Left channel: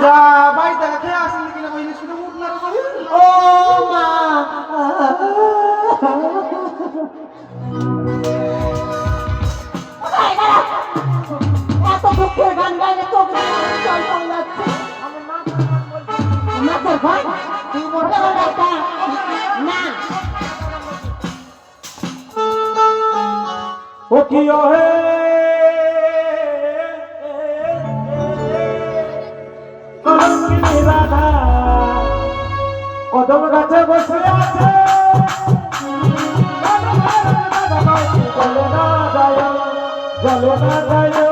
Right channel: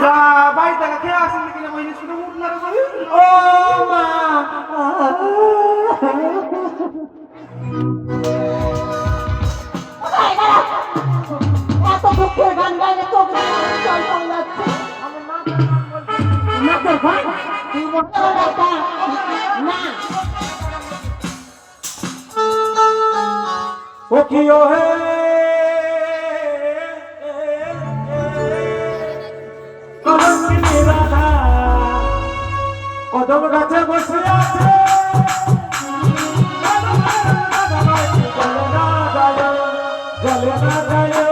যা বাড়ি থেকে খেয়ে আসেন কিনা বইনি শুধু মুখ না রে ও মা এত দুঃখের গান গাইলে তো চল চল যাচ্ছে না তোর ভাই তুই বলতে না ও কি ও হে কদম গাছে বসে আছে জলে না যায়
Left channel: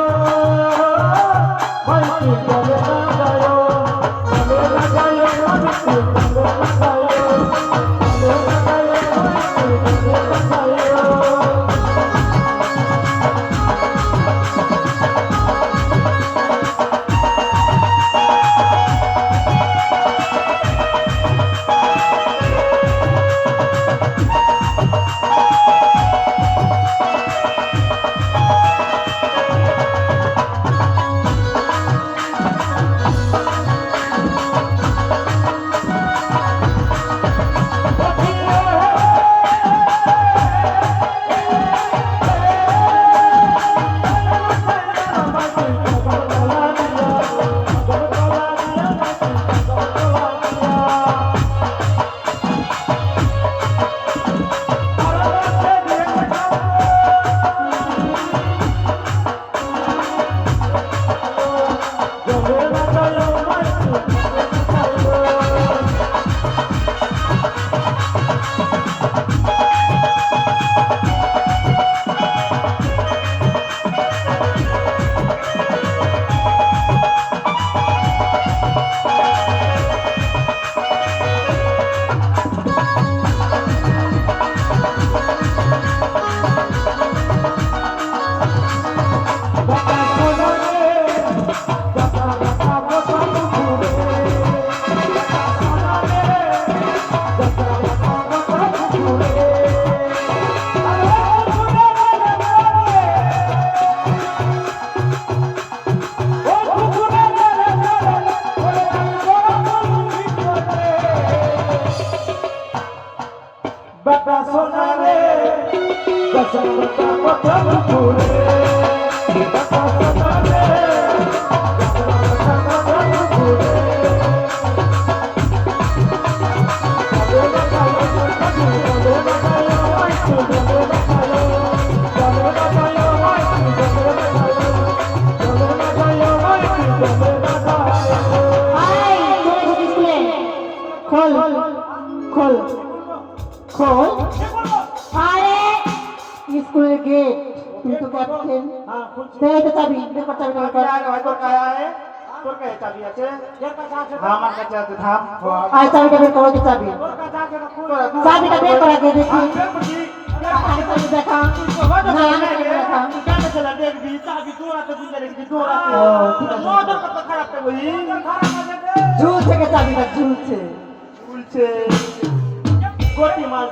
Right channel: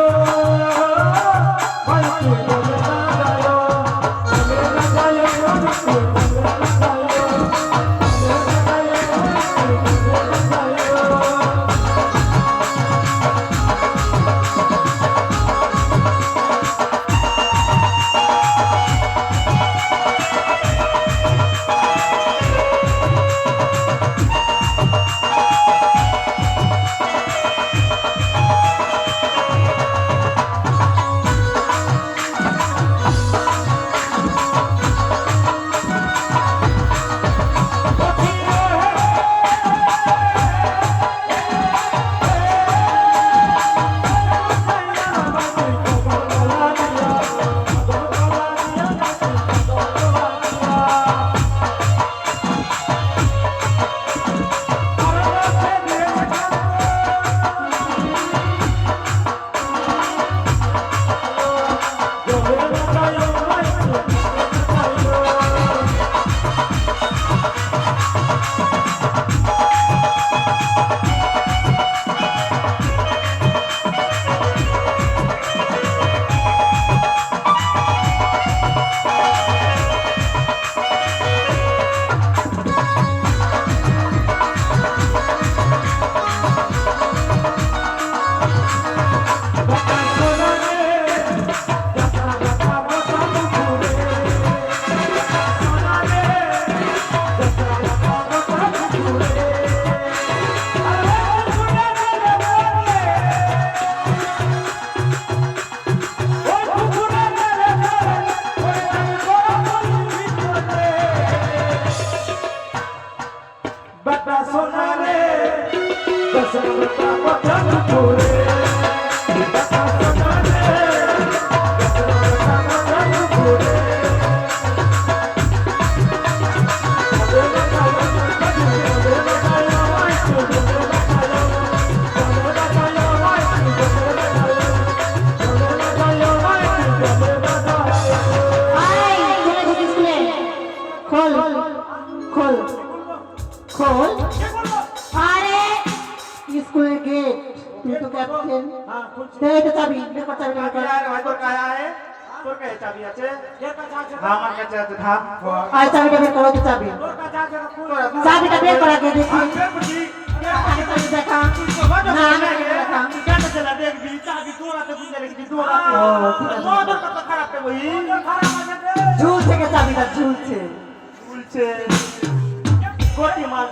চাবিটা বের করা কে দেখি দেখা ঝুল থেকে চাবিটা ঝুলছে উলছে কোটি মাছ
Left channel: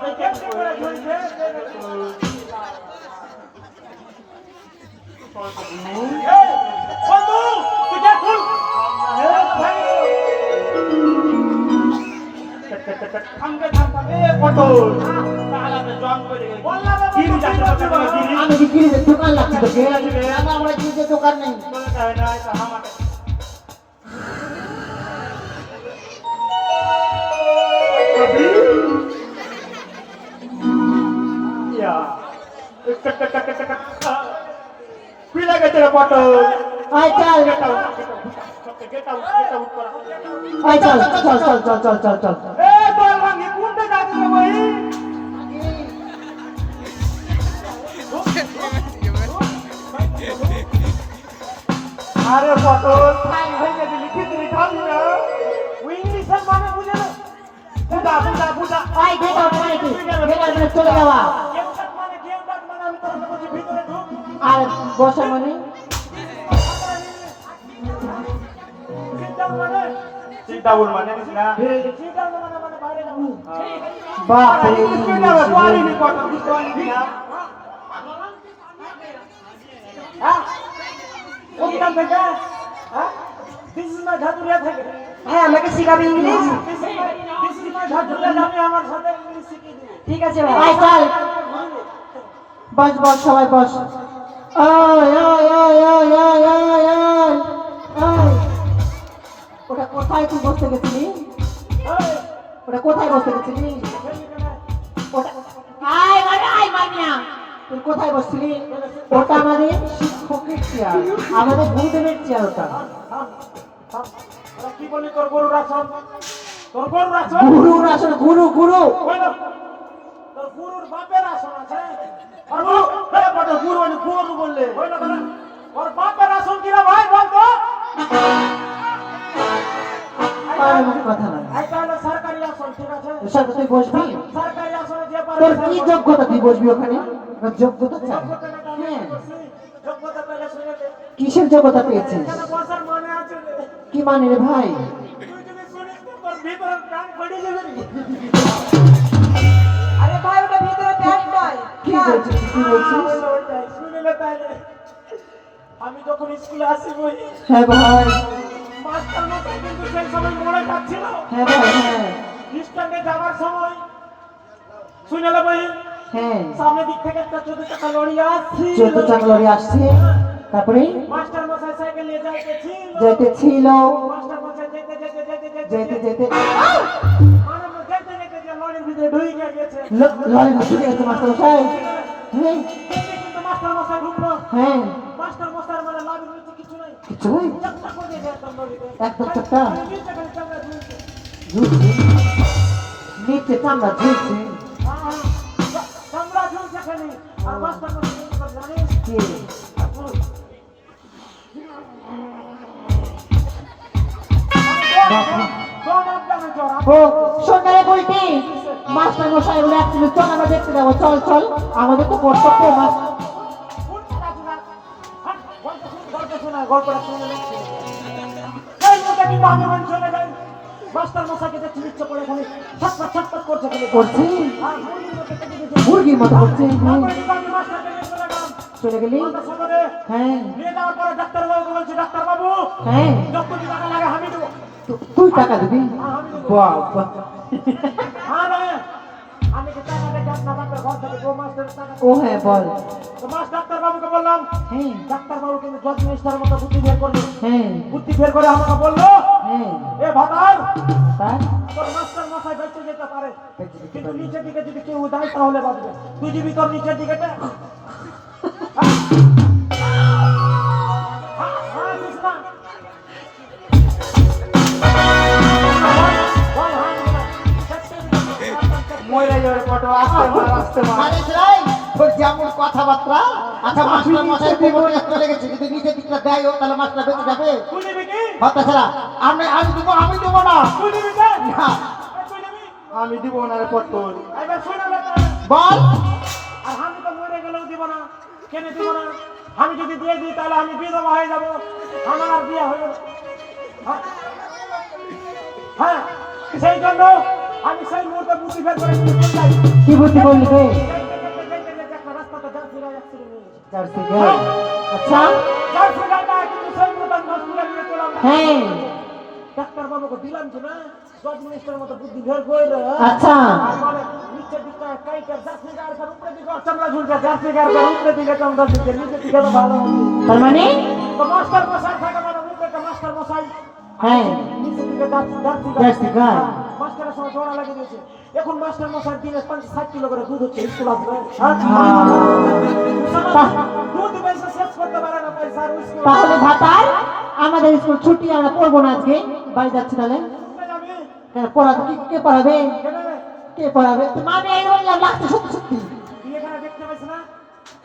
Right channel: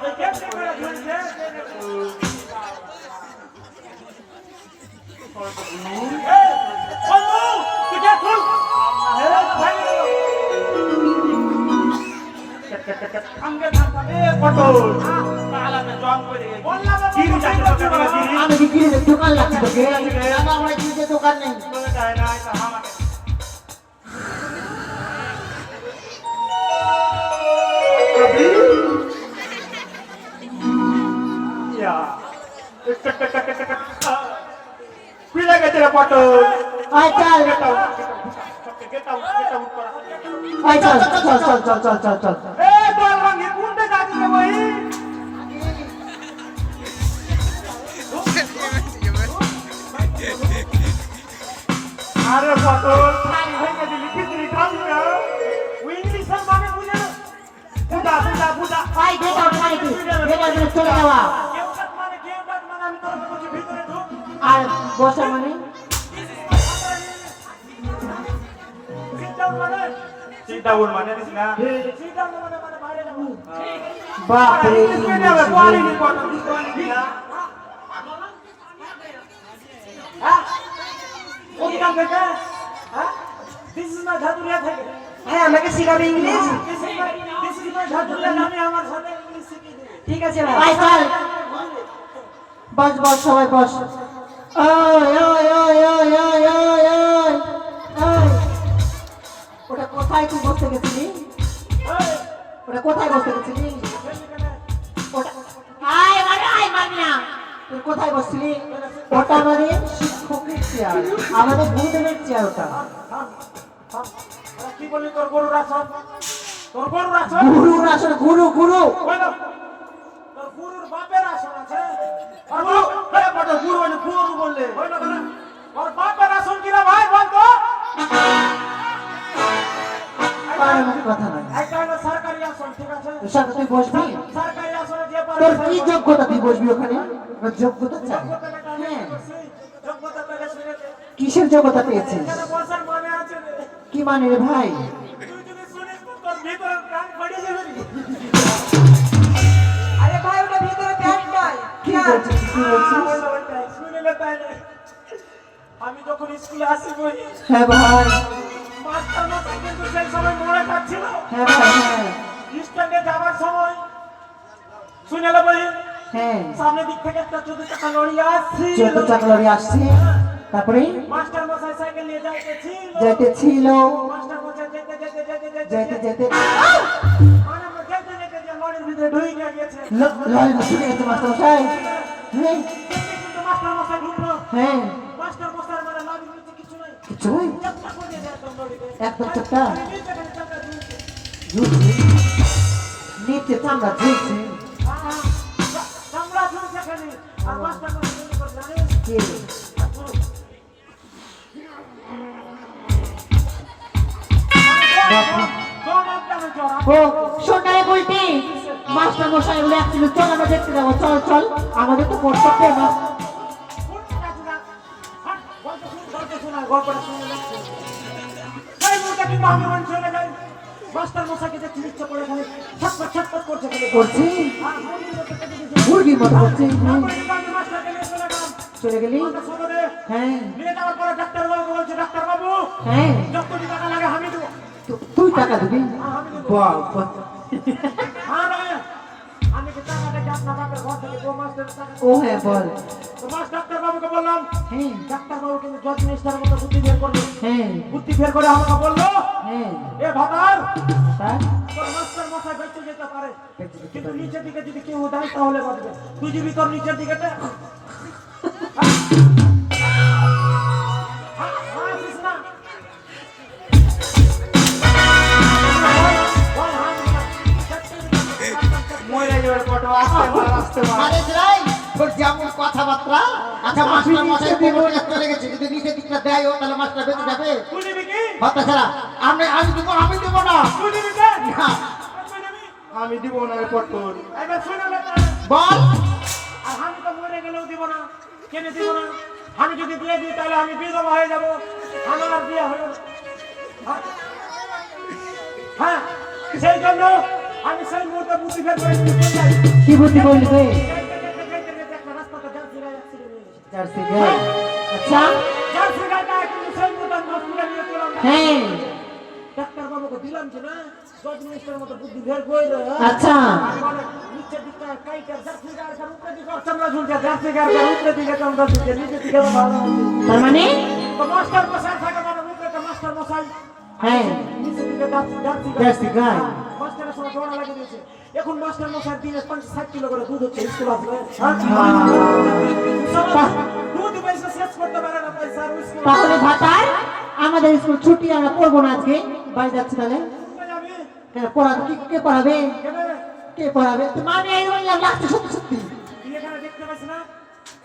ঝুলছে বন্ধু তুই কে খুল থামকে থামকে কত তালাতে জং করে বললা গিরি যাচ্ছে আমি গিরি দোকান লাগছে তো গিরি আমার গিরি দোকান নেই কাই না এটা আমাকে या पीला के तेरा फोटो आय चल गेट आउट आय चल चल चल चल चल चल चल ए बाल वांगे कुंडे जाती है भाई अरे फोटो टाइम है के दिल्ली कितनी ठाम है वो इंग्लिश माने मुझे पूजा पूजा पूजा I get out I get चले जावा আমি তোর কাছে ভিতরে ঢুক আর বসা মানে চিন্তাগুন মানে না চিন্তাগুন মানে বাইরে যাবো বাপ রে কিনে হবে কোয়ালিটি কত কোয়ালিটি না হ্যাঁ কোন কাম থেকে হ্যাঁ দিস ইজ মাই ঝাঁঝুরিয়া থেকে হ্যাঁ আমাকে শিখাবে ইংলিশ ঝাঁঝুরিয়া আমি আমার সাথে ইংলিশ শিখিয়ে দেবো ঠিক আছে ভাই চল বস বস সবাই বস ওই ওই ওই ওই ওই ওই ওই ওই ওটা কোথায় তুই বসতে গেছিলি ওটা কোথায় বসতে গেছিলি ওটা আয় মানিয়া তুই কোথায় বসছিলি ওটা আমাদের শিক্ষকের চেয়ার আমাদের গুরুদেবের চেয়ার ওটা কি বলি তোর গরুর আসন তোর গরুর আসন গুরুর আসলে গুরু গুরু ওই না, তোর গুরুর বাপের আসন আছে আর গুরু এই বড় গুরু মানে গুরু বললে ওই না বলে ওর বাপের আসন কি রে ভাই বল তো আর আমার কথা নাই এটা হলো সরকারি আসন ঠিক আছে সাথে তুই বসবি সরকারি আসনে যে পারে তোর কি যোগ্যতা তুই বসবি ওখানে তোর যোগ্যতা চাই হ্যাঁ যোগ্যতা পেলে শুনে দে কিসের যোগ্যতা পেয়েছিস এখানে বসার মানে আছে রে কি মানে রে ভাই তুই যদি শুনিস তো তোর ভিতরে প্রাণ বেড়ে যাবে রে আরে ভাই ওটা ভিতরে প্যান্ট নয় কি বলছিস কি বলছিস শুনিলে তাইলে আমি যখন স্কুলে আসি বই হ্যাঁ ভাই মাস্টার মশাই কিন্তু সেই সময় মোড়ে কাটছিল হ্যাঁ ভাই হ্যাঁ স্ট্যান্ডে যাবার সময় শুনেলে বই হ্যাঁ সামনে দিক থেকে একটা 14 চাকা লরি আসছে 14 চাকা লরি আসছে তারপরে মাস্টার মশাই সাইকেল নিয়ে যাইতেছিল যাইতেছিল মাস্টার মশাই যেতে যেতে যেতে যেতে যেতে মানে যেতে যেতে যে লরির ভিতরে ঢুকে গেছে লরি ঢুকে গেছে মাস্টার মশাই হ্যাঁ কিন্তু মাস্টার মশাই ঢুকলো হ্যাঁ মাস্টার মশাই মানে লাভ হচ্ছে কিছু নাই কিছু নয় একটা করে দেয় একদম লরিতে একদম একটা আমি নিচে গেলে চাকা ঝুলছে ঝুলছে নিচে চামড়া ঝুলছে চামড়া ঝুলছে খালি আর মাস্টার মশাই কি করে জানেন কে ও সোনারে বলতি মাস্টার মশাই বলে আসছিল চল আমরা দেখতে যাবো চল চল আমাদের তো কর্তব্য মাস্টার মাস্টার মশাইকে দেখতে ইচ্ছে করে খালি ছটপট ছটপট করছে খালি করছি আর মুরগির মতো করছে আমি মাস্টারকে নিয়ে চলে গেলাম চলে গেলি মাস্টার সকালে হ্যাঁ নিয়ে যাওয়ার পরে ডাক্তারবাবু বলছে ডাক্তারবাবু হ্যাঁ যত টাকা লাগে আমি দেবো তুই টাকা দিবি বাবা হ্যাঁ রে আমি কি টাকা দেখে আপনার বাপের ঘর থেকে দু মাস্টারের টাকা ও হ্যাঁ বল তো মাস ডাক্তারবাবুকে বললাম হ্যাঁ ডাক্তারবাবু কিন্তু জজ মিনিস্টারের মতো বুদ্ধি বের করলো হ্যাঁ বুদ্ধি বের করে আমাকে বললো হ্যাঁ এ ভাতার তার তোর মাস্টার মশাই বেঁচে যেতে পারে বেঁচে যেতে কিন্তু পারে। নিচের দিকে যদি কেউ দেয় তাহলে বাঁচবে তুই যদি তোর নিচের দিকে দে মরে যাবে কত আসতে মার আরে যাই তোর যেমন কথাবার্তা আচ্ছা মাস্টার মশাই বিপরীত চলে গেছে যদি নিচে দিকটা দেয় ও তাহলে মাস্টার বেঁচে যাবে তুই নিবি কি কথা ছাড়া আমি দেবো না তুই নিবি কে না, তুই নিবি আমি দিব না রে পট্টর এবার শুনে লে বল আর আমি তো মরে গেলেও দিব না কেন দিব না আমি যদি দিয়ে দিই তাহলে আমি বিধবা হয়ে যাব আমার আর বিয়ে হবে না। হ্যাঁ? হ্যাঁ সেই জন্য আমি সেই মুহূর্তে বুদ্ধি বের করে দিতে চাই কি বুদ্ধি বললি রে একটা রাস্তাতে জার্সি গায়ে accident হয়ে গেছে। জার্সি গাই আচ্ছা জার্সি গায়েটা কিন্তু সেই মুহূর্তে আমি হসপিটালে নিয়ে চলাম হ্যাঁ ডাক্তারবাবুকে দিলাম কি না জজ মিনিস্টারের মতো বুদ্ধি বের করে দেয় আচ্ছা মানে নিচের দিকটা কাইটার জার্সি গায়ের উপরে দিকে চামড়া ঝুলছে জার্সি গায়ের উপরে দিকে চামড়া ঝুলছে নিচের দিকে তো ভালো আছে তার মানে তো মাস্টার মশাই থাকে মানে মুখে তো মাস্টার মশাই হ্যাঁ নিচের দিকে জার্সি জার্সি গাই মাস্টারের সঙ্গে জোড়া লাগিয়ে দিয়েছে এখন মাস্টার মশাই দিনে 50-60 কিলো করে দুধ হচ্ছে স্কুল আসবে দুধ পয়সা শেষ করতে পারে না পয়সা আর স্কুল তাহলে ভাতার আমাদের স্কুল ছুটি আমরা পড়বো না আজকে বাড়ি যাচ্ছি তাহলে যাবে কেন পড়াবে কে পড়াবে কেন কে পড়াবে মানে এই বললাম লাগছে সত্যি সত্যি তুই এখানে দেখতে পাইছ না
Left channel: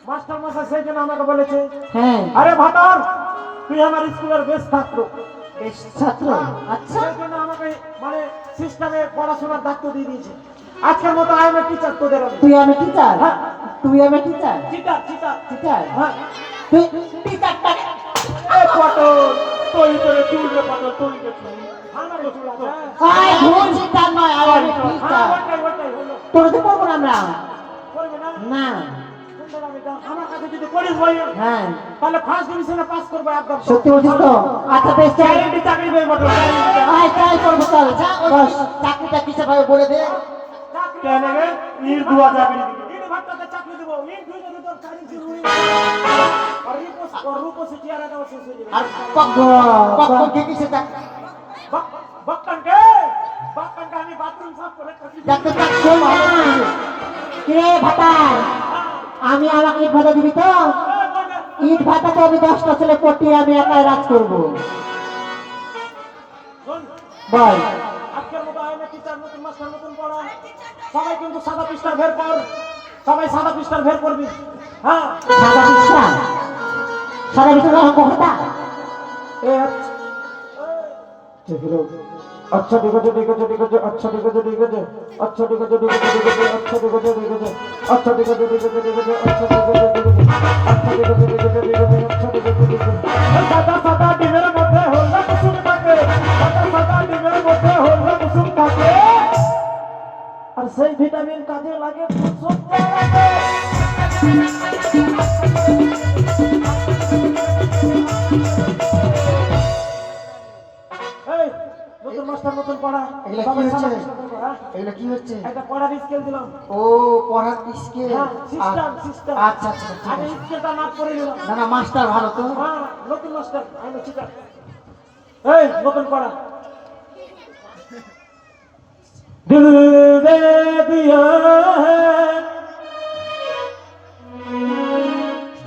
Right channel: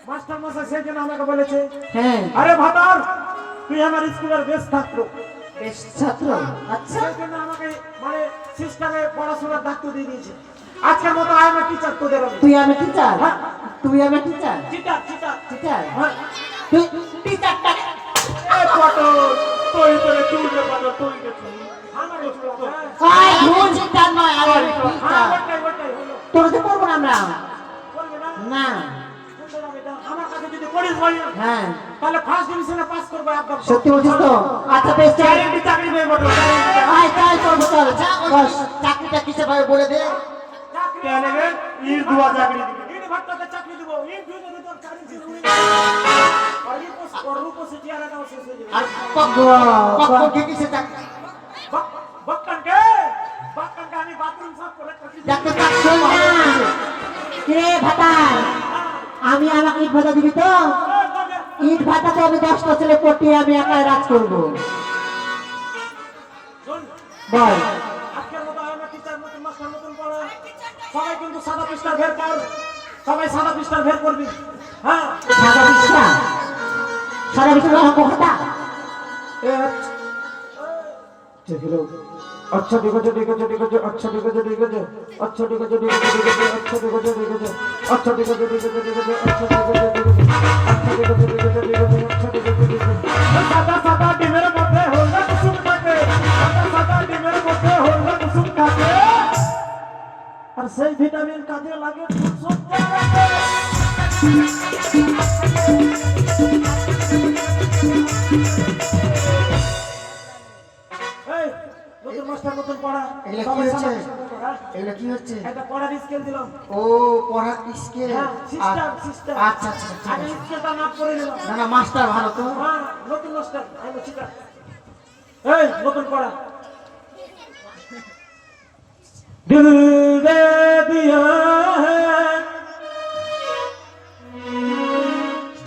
মাস্টার মশাই সেই জন্য আমাকে বলেছে হ্যাঁ আরে ভাতার তুই আমার স্কুলের বেস্ট ছাত্র বেশ ছাত্র আচ্ছা সেই জন্য আমাকে মানে সিস্টেমে পড়াশোনার দায়িত্ব দিয়ে দিয়েছে আজকের মতো আই এম টিচার তোদের আমি তুই আমি টিচার হ্যাঁ। তুই আমি টিচার টিচার টিচার টিচার হ্যাঁ তুই টিচারটা এ ফটো তুই তোরে তুই যে ফটো তুই যে তুই আমার বসে আয় ভুল টিচার নয় আর হ্যাঁ টিচার ওটাই হলো তোর তো করবো না আমরা করবে না না সুন্দর আমি এটা আমার কাছে যদি পড়িস বই হ্যাঁ তাহলে ফার্স্ট ডিভিশনে পাস করবো একদম সত্যি বলছিস তো আচ্ছা বেশ চল গ্যারান্টি চাকরি পেয়ে বটে আয় তাই করবো চল আচ্ছা ওই বস চাকরিটা কিসে ভাবে বলে দে কে নেবে ইট দুয়া চাকরি দিবে ইট ভাট্টাতে চাকরি দিব ইট দুই যদি তোর চাকরি শুরু হয়ে যায় আর রূপো সিটি আর এটা শেষ হয়ে যাবে আর পক্ষ কিসে চাকরি বক্কানকে আমি বাথরুম সাফ করে করছি ডাক্তার শোন না রে ভাতার আমি আমাকে ইট ভাতা দিবি তো ইট ভাতাতে আমি 10টা ছেলে পটিয়ে আমি একাই রাজ করবো শোন বল আজকের মতো আমরা টিচার নতুন মাস্টার নতুন পড়া সবাই কিন্তু সাদা পৃষ্ঠার ভের কর সবাই সাদা পৃষ্ঠার ভের করবি হ্যাঁ সাদা বিছানা অঙ্ক খাতা এই চেকিলো আচ্ছা ঠিক আছে আচ্ছা ঠিক আছে আচ্ছা ঠিক আছে আচ্ছা ঠিক আছে আচ্ছা ঠিক আছে সাদা সাদা ডিমের মধ্যে হলদা কুসুম থাকে সাদা সাদা ডিমের মধ্যে হলদা কুসুম থাকে আর সেই ভিটামিন কাজে লাগে সত্যি লাগে এই নতুন মাস্টার নতুন পড়া এগুলা কি হচ্ছে এগুলা কি হচ্ছে এটা পড়ার স্কেল দিলাম ও পড়ার স্কেল হ্যাঁ, সিস্টেম আচ্ছা আচ্ছা ঠিক আগে আছে। স্কেলটা মাপ করে দিলাম না না মাস্টার ভালো তো হ্যাঁ নতুন মাস্টার আমি ঠিক আছে এই নতুন পড়া দিল দে দিয়া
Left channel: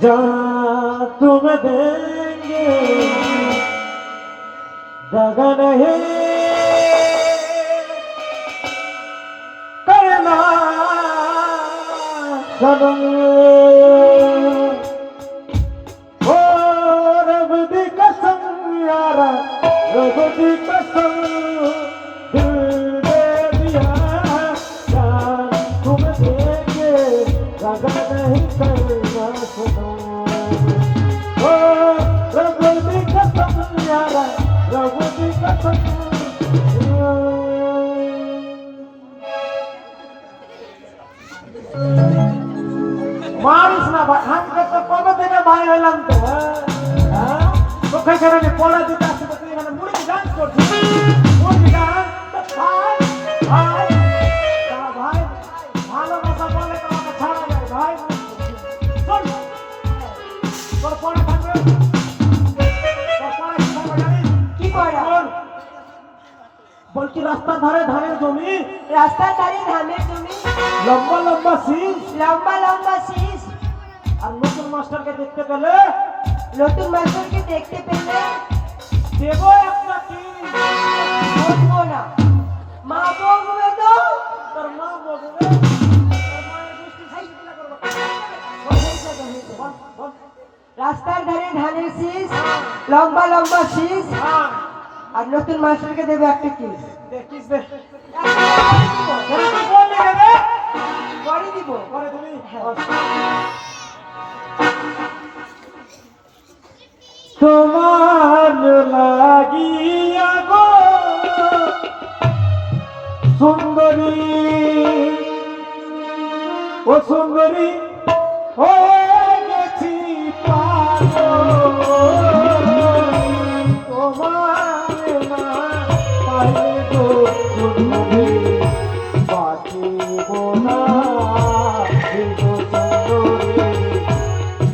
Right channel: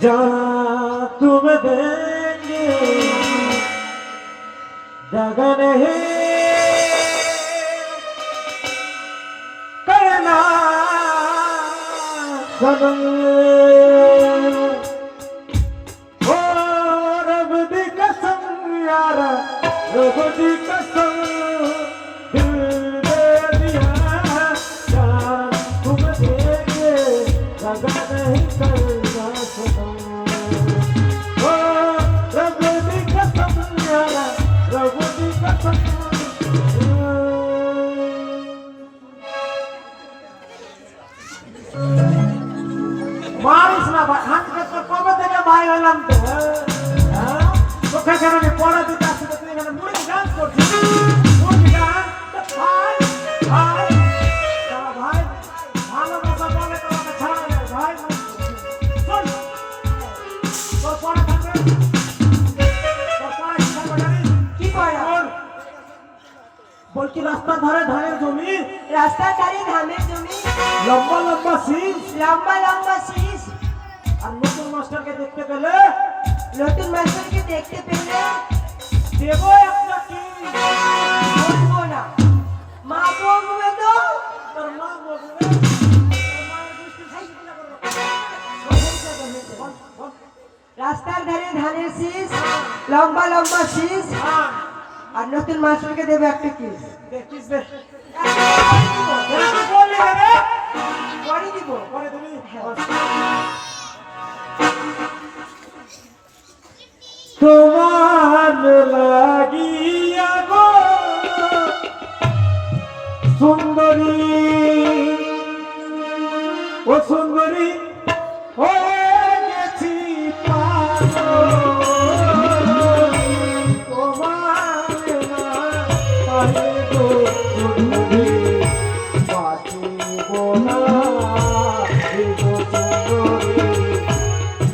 যা তুমি দেंगे जगह नहीं करना सनम ओ रब दी कसम यारा रब दी कसम दिल दे दिया जान तुम देंगे जगह नहीं करना सनम ओ रब दी कसम यारा रब दी कसम मारिस ना भाई तो कब থেকে ভাই হলাম তো হ্যাঁ তো ফেকারে আমি পড়া দিতে আসতে তুই এখানে মুড়ি ডান্স করছিস মুড়ি ডান্স তো ভাই ভাই তারা ভাই ভালোবাসা বলে তো আমাকে ছাড়া নেই ভাই শোন তোর পড়া থাকবে তোর পড়া কি থাকবে জানিস কি পড়া বলছি রাস্তার ধারে ধানের জমি রাস্তার ধারে ধানের জমি লম্বা লম্বা শীষ লম্বা লম্বা শীষ আর নতুন মাস্টারকে দেখতে পেলে নতুন মাস্টারকে দেখতে পেলে দেব একটা কি বলবো না মা বলবে তো তোর মা বলবে রাস্তার ধারে ধানের শীষ লম্বা লম্বা শীষ আর নতুন মাস্টারকে দেবে একটা কিস দেখিস রে বললি রে করে দিব পরে তুমি তোমার লাগিয়া গো সুন্দরী ও সুন্দরী হয়ে গেছি পাগল তোমার না পায়ে গো সুন্দরী বাঁচিব না গো সুন্দরী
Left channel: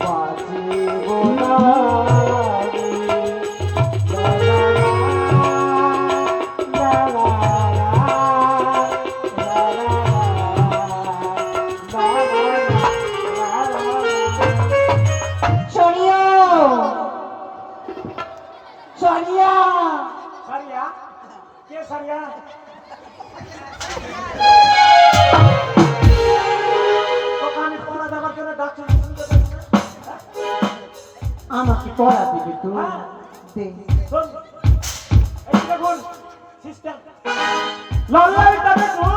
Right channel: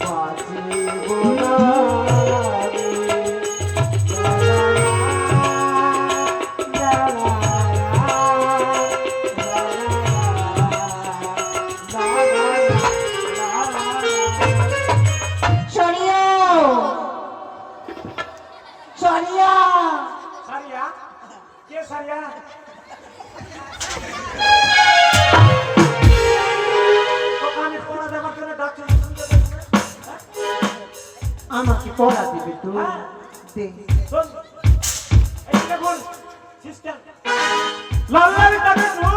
বাঁচিব না সরিয়া সরিয়া সারিয়া কে সারিয়া ওখানে পড়া দেওয়ার জন্য ডাকছো আমাকে পড়া দিবি তুই দে শোন এইটা বল সিস্টেম লাল লাল টমেটো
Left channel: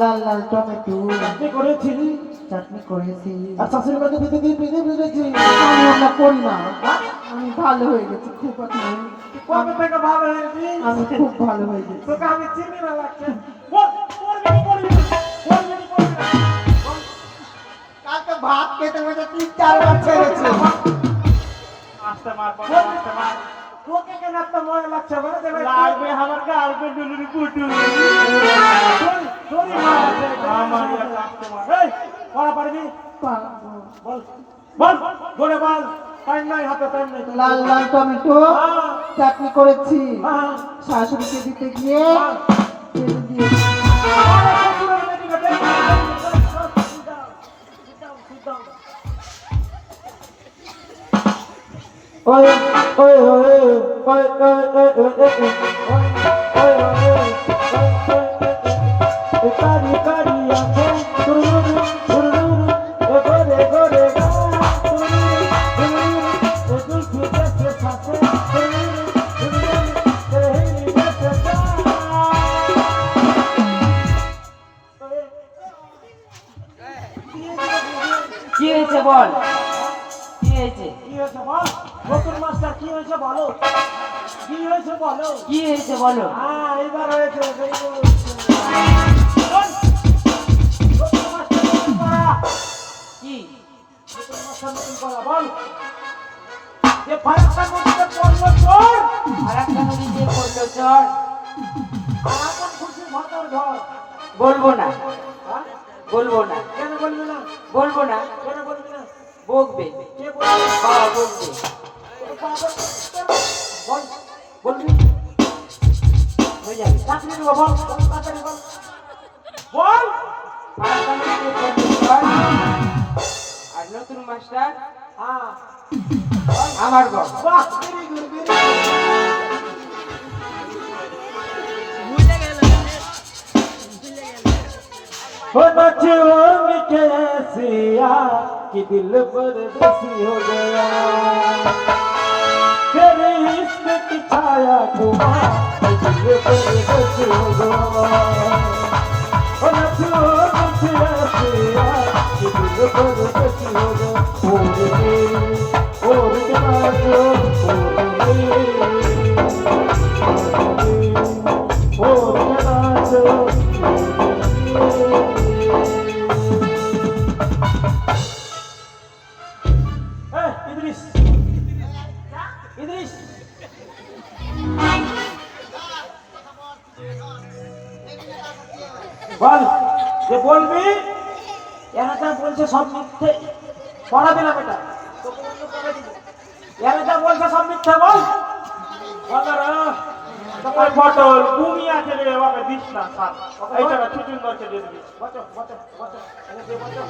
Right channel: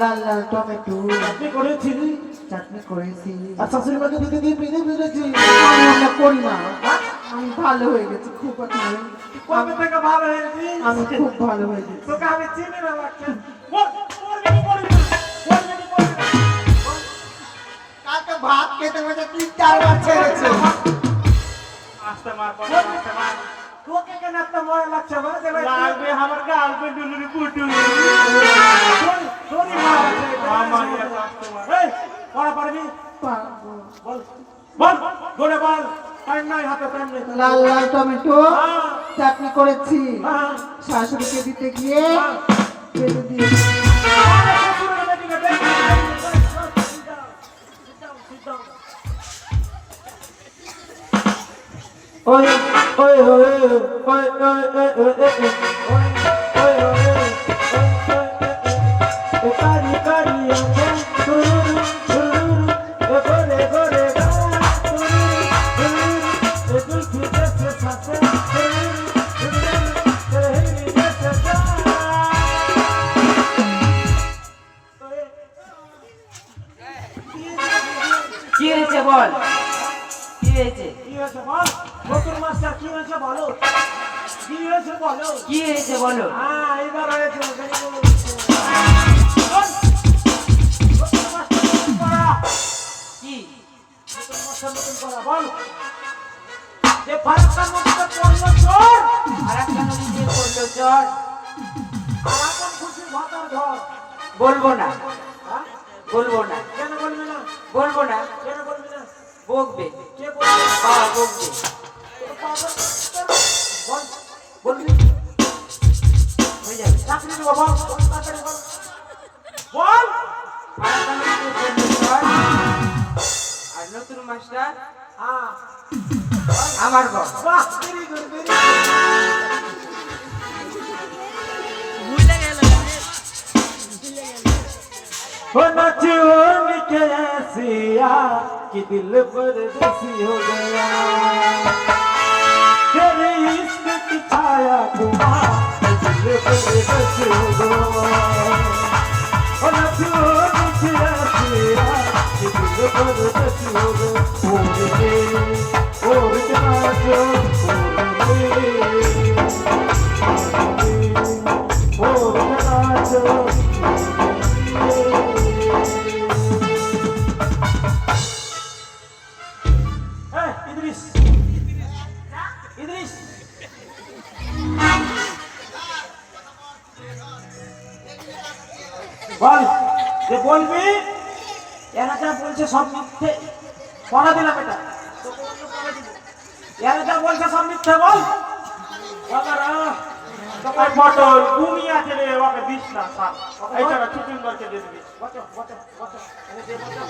লাল লাল টমেটো আপনি করেছিলি চাটনি করেছি আর শাশুড়ি মাকে দিতে দিয়ে পেঁদে ফেলেছি আমি ওটা করি না আমি ভালো হয়ে গেছি খুব এখন কবে থেকে ভালো হয়েছি আমি খুব ভালো হয়ে গেছি তোকে আমি চিনি না লাগছে বল বল যদি পড়বি না বল যদি পড়বি না কালকে ভাত খেতে বসে 3-4 বার ছেড়েছে। আস্তে মার বাবা, আস্তে মার। তোকে কেন এত মনে লাগছে বলে দে ভাই লাগবে আমার গার্লফ্রেন্ড ডুলুরি পুটু। তোরই মার আছে আমার একটা আস্তে মার। এই পড়া পারবি পারবো। বল বল বলে বল টাইম নাই হাতে টাইম নেই লাল লাল টমেটো হ্যাঁ, চাটনি করেছি হ্যাঁ। শাশুড়িকে দিতে গিয়ে হ্যাঁ। ফেলে দিয়েছি। ওই ওই ওই ওই ওই ওই ওই কারি কারি আছে তুরুরু তুরুরু এ গোরে গোরে গা তুরুরু তুরুরু এ দুধ দেশে সাথে তুরুরু তুরুরু এ হেলি দেশে যা কি হয়েছে বল কি হয়েছে কি হয়েছে বল নতুন মাস্টার কি হয়েছে বলো কি হয়েছে বলো কি হয়েছে বলো হ্যাঁ এবার হয়েছে very good. বল। নতুন মাস্টার নতুন পড়া। কি নতুন মাস্টার নতুন পড়া, বল। যে ফারাক্কা নদীতে পড়লো চোর, আর একটা নদীতে পড়লো চর আর এখন খুশির ভাতের ঘর। বলবো না হ্যাঁ? বলবো না কেন বলবি না? বলবো না কেন বলবি না? বকবে কে বলবে? বাবা বকবে বল, বলবি? হয়ে যাবে চাকরি দেবো, বল, বল, তাড়াতাড়ি বল। বল। ফারাক্কা নদীতে পড়লো চর আর নতুন মাস্টার হ্যাঁ, আমার বল বাহ, very good, very good. हो नचोर के ऐसिया कि दिल परदेसी हो गया तेरे इश्क की छाया को दिल परदेसी हो गया हो नचोर के ऐसिया कि दिल परदेसी हो गया और क्या जो और क्या जो এই, ইদ্রিস। ইদ্রিস। বল, যে বলবি এরা যা বলছে সব মিথ্যে পড়া দিলাম এটা তোকে অন্য পড়া দিব। এরা যা বলছে সব মিথ্যে বল বাবারা, ওই পটল ঘুমিয়ে আছে রে বাবা দিস না স্যার। এই টাকা চুচুন্দারকে দিয়ে দিবি। বচো, বচো, বচো, এনে দে, বচো।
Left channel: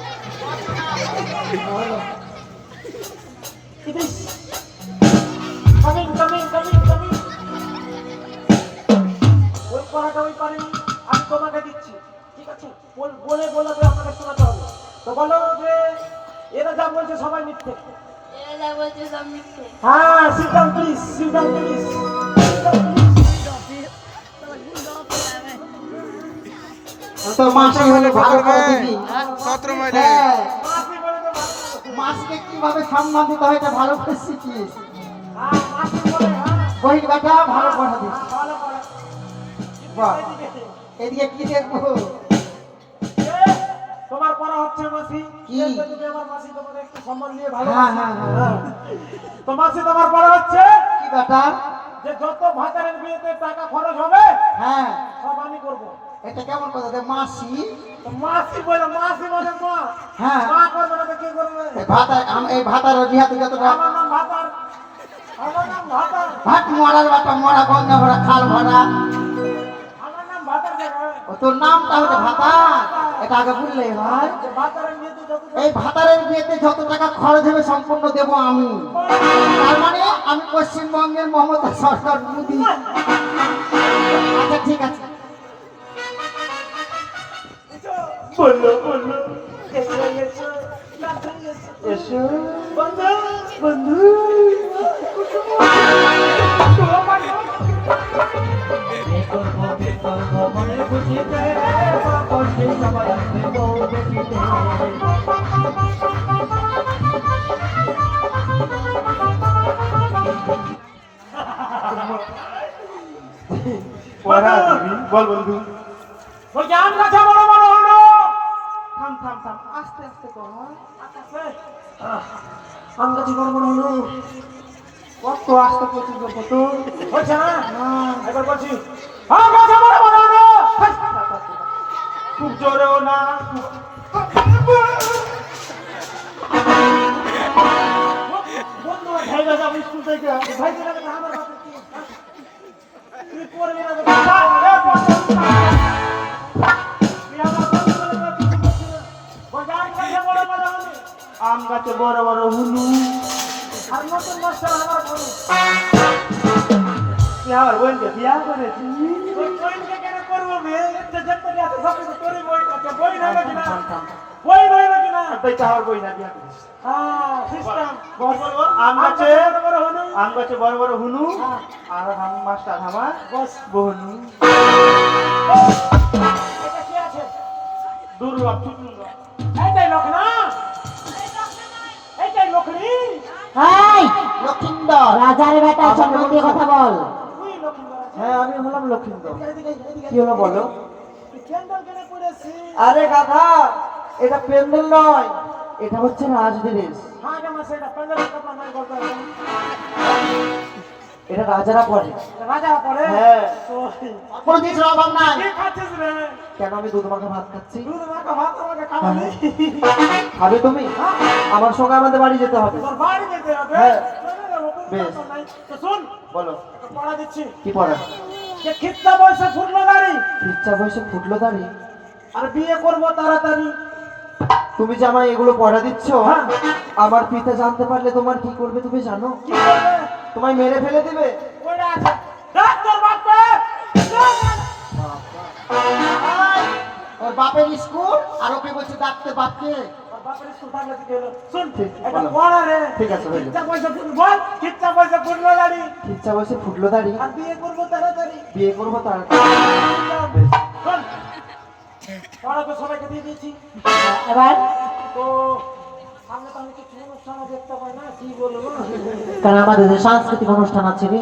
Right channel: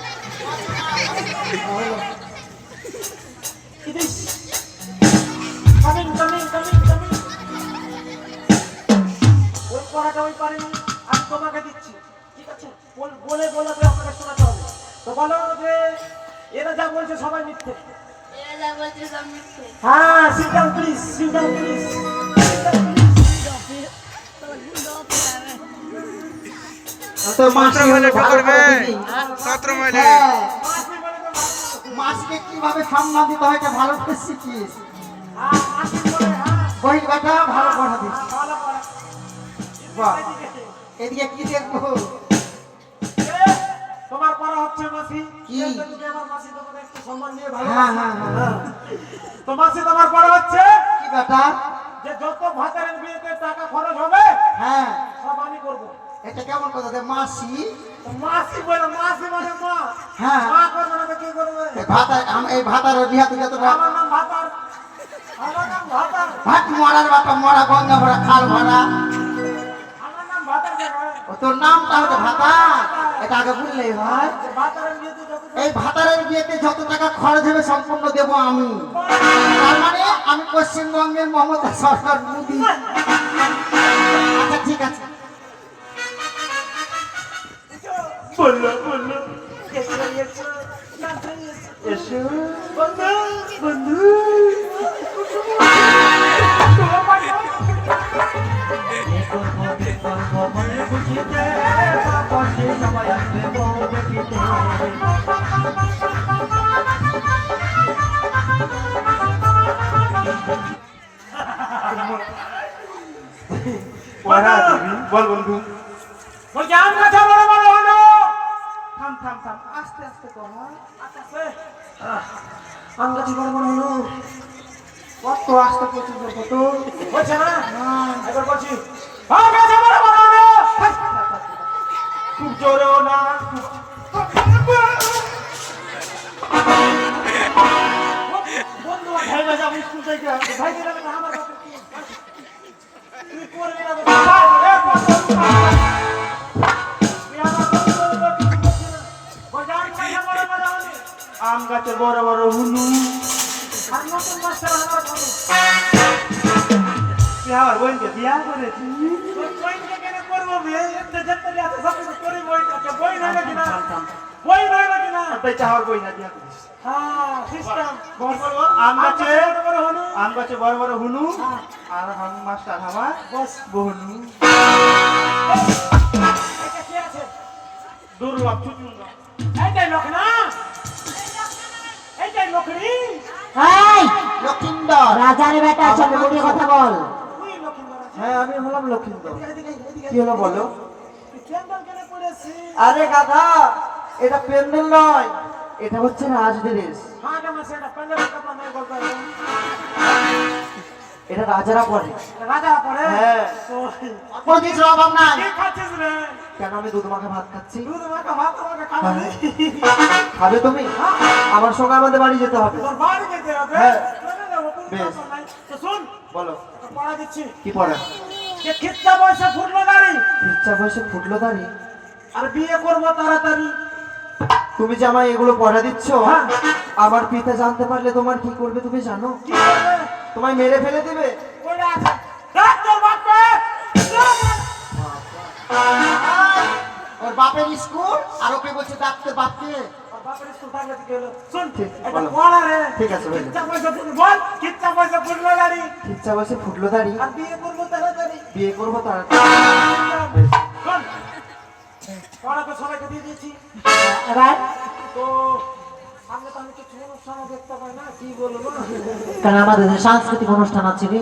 ইদ্রিস, কামিং। ওই পড়াটা ওই পারেনি, আমি তোমাকে দিচ্ছি, ঠিক আছে? বলে বলে আমাকে শোনাতে হবে। তো বলো যে এরা যা বলছে সবাই মিথ্যে। হ্যাঁ, sit down please, sit down please. তো মাসি হলে করবে হ্যাঁ, মাসি বলে দে, মাসি। মাসিকে কিভাবে সম্মান দিতে হয় এটা ভালো করে শিখিস। হ্যাঁ, মাসি বলে, হ্যাঁ, বই বেটা ভালো পড়া দিস। ভালো করে। বাহ, এদিকে কি দেখবো? এ, তোমার পড়া হচ্ছে মাসি। কি? এই তো যদি আমার মাসি তোমাকে একটু সম্মান দিয়ে ভালো হ্যাঁ, হ্যাঁ, হ্যাঁ। তো মাসি তোমার পড়া হচ্ছে কি বেটা? যে যত ভাতারের বিয়েতে টাকা খরচ হবে হ্যাঁ, সব আমি করবো। এটা কেমন কথা? তো মাসি তো মাসি বলে মা, হ্যাঁ। মা করবে না তো কি করবে? এই ভাতার বিহাতে যত আমার নাম ভাতার, আমার নাম ভাতার, ভাত মরার বাটা মরা গঙ্গা ভরা খাল ভরা। আমার নাম ভাতার জায়গায়। ও তোর নামটা হচ্ছে ভাতা, এটা আগে বললেই হয়। ভাতারের বিয়েতে যত এই ভাতারের বিয়েতে যত টাকা খরচ হবে সম্পূর্ণ দেবো আমি। তার মানে আমি পশ্চিমবঙ্গের মমতা সরকার মোদী। আচ্ছা ঠিক আছে, বললো এসো বন্ধু বন্ধু। পড়া দিবি বল বন্ধু। ওই জাম গাছে বড় বড় হলো। থাম থাম থাম আস্তে আস্তে আমরা জীবন মনে হলো কত আসতে করছিস কত হচ্ছে না এবার বলছি আমরা জীবন মনে হলো খুব জোরেও না বন্ধু ভাই বাজা স্কুল থেকে ভাই দিলে আমার কথা তুই করবি না আম গাছে বড় বড় হুলু তুই আমার বোনকে বিয়া করেছি তাই আমার বই না বিয়া করিস আম গাছে বড় বড় হুনু আর মাস্টার আমার বহনু দুর্লভ চুচুঙ্গা এই লক্ষিন্দর রাজার বেটা সামনে দিয়ে কথা বল। হ্যাঁ আমি হলাম লক্ষিন্দর কি হলো বলো আরে গাধা এটা প্যান্ডেল নয় এটা হচ্ছে রাজড্রেস এটা রাজারা পরে রাজা পরে হ্যাঁ তো কোনো কিছু অভাব নাই কি খাচ্ছিস রে কেন আমি দুধ মাখা ভাত খাচ্ছি দুধ মাখা ভাত আমাকে খাওয়াবি খাবে তুমি আমার সঙ্গে আমাদের বাড়ি যেতে হবে তোর বাড়ি যেতে হবে হ্যাঁ। চলে যাবো, কোনো বেশ। ব্যাপার নাই। তো শোন বলো তোকে পড়া দিচ্ছি কি পড়া যে খিচ্চা বয়সে ফুটলো গাড়ি ইচ্ছা বয়সে ফুটলো দাঁড়ি আর বিয়ে করবো তাড়াতাড়ি তুমি যে আমায় এগুলো পড়া দিচ্ছ হ্যাঁ। আমার পিতা জানতে পারলে তোমার কি করবে তুমি জানো কি করবে তোমায় মেরে ফেলে দিবে ওইটা আছে দেখ তোর বাপকে ওর বাপের স্কুল আর ওকে বলছে ডাকতে বাপকে ওর বাপের স্কুল থাকলে কি হলো শোন ঠিক, এটা বলো। পড়া রে ঠিক আছে, বলো। খিচ্চা বয়সে তুমি বল খিচ্চা বয়সে ফুটলো গাড়ি ইচ্ছা বয়সে ফুটলো দাঁড়ি আর বিয়ে করবো তাড়াতাড়ি বিয়ে করবো তার শোন পড়া তো সবাইকে দিয়ে দিয়েছি এবার তো সামনে তো আমি কিছু অনুষ্ঠান দেখতে পাই না কি বলবো কারণ আমাদের যে সাংস্কৃতিক অনুষ্ঠান আছে রে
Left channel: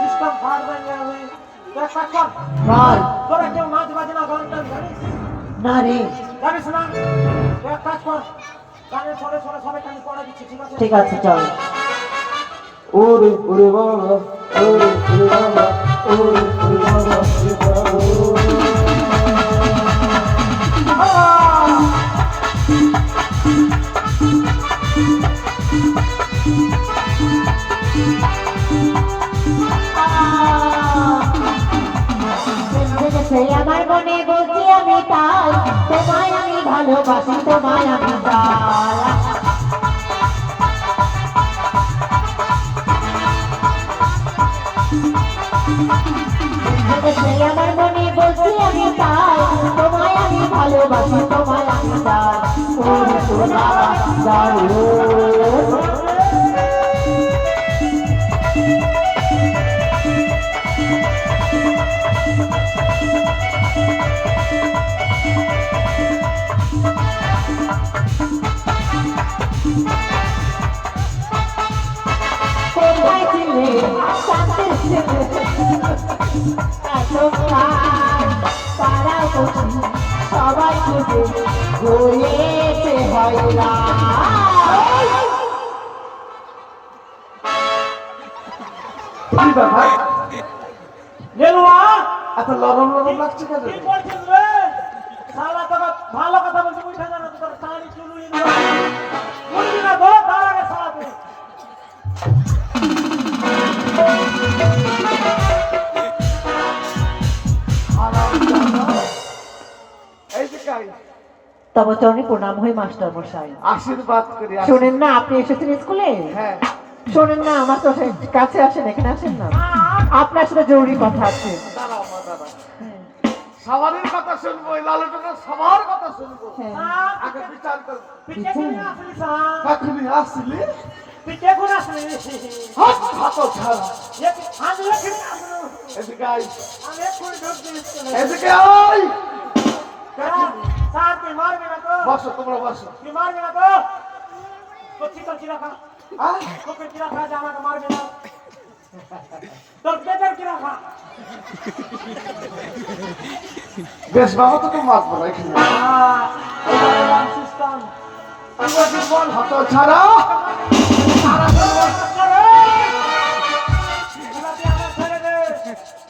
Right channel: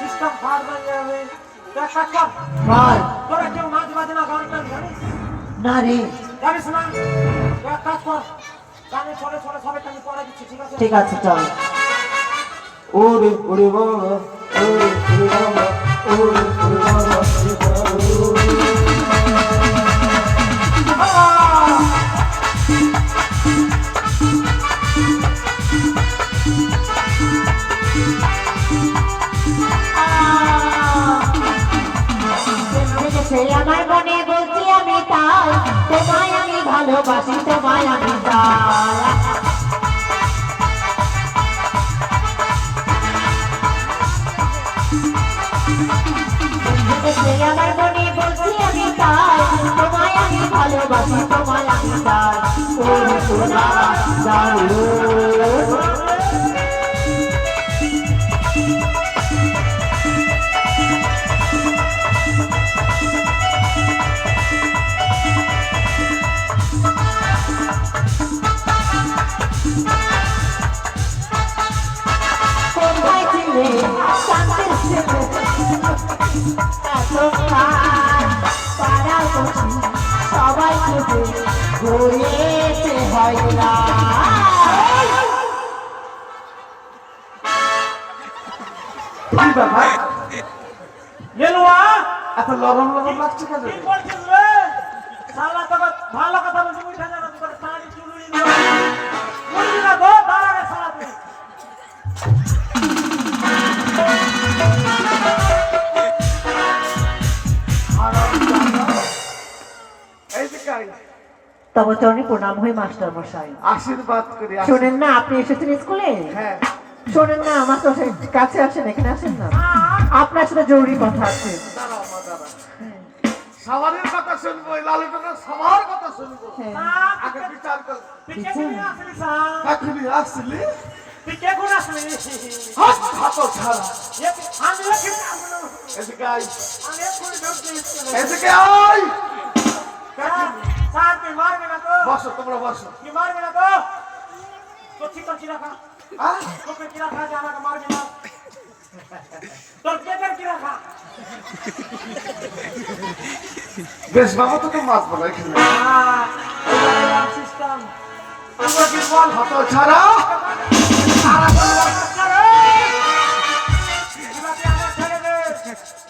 সিস্টেম ফার হয়ে যাবে তো এক কাজ কর বল। তোরা কেউ নাচ বাজনা গান টান জানিস না রে জানিস না তো এক কাজ কর গানে ছড়ে ছড়ে সবাইকে আমি পড়া দিচ্ছি ঠিক আছে ঠিক আছে চল ওরে ওরে বাবা ওরে ওরে বাবা ওরে ওরে বাবা ওরে বাবা সে আমার মনে বলছি আমি তাই তোমায় আমি ভালোবাসি তোমায় আমি তাই সে আমার মনে বলছি আমি তাই তোমায় আমি ভালোবাসি তোমায় আমি তাই ওরে ওরে বাবা যাও কোথায় ছিলে শান্তির ছেলে পাড়া করছি সবাই খুঁজে ঘুরেছে হয় না কি ব্যাপার লেলুয়া এত লরম লরম লাগছে কেন কি বলছিস রে শালা তোকে ভালো কথা বলছি উঠে জানা তোর টানি চুলুনি বলবি না তো দাঁড়া রে শালা তুই এই যে কাই তবে চরণে প্রণাম হই মাস্টার মশাই আশীর্বাদ করি শোনেন না আপনি এসেছেন স্কুলে হ্যাঁ শোনেন না আমার তো কাছে আসেন এখানে আসেন না আপনার সাথে জরুরি কথা আছে দাঁড়াও মা দাঁড়াও সবারের কথা শুনবো লালুটনের সবার কথা শুনবো হ্যাঁ। আগে বিচার করবো তুই কে কোন আসলি সা এখনই আসলি তুই কে কোন আসলি হাত হাতো ছাড়া আমি এখানে আসলো এদিকে আই আমি এক্ষুনি ঢুক দিয়েছি এদিকে আই স্যার তুই মারবে না তো বসো তোমরা বসো তুই মারবে না তো তো চিকন চিরা খা হ্যাঁ তোকে চিরা খা জানা কে মারবে না তোর পেটের চিরা খা বেশ বাবা তো মাছ বলো এখানে এইবারে কি বল হত ছাড়া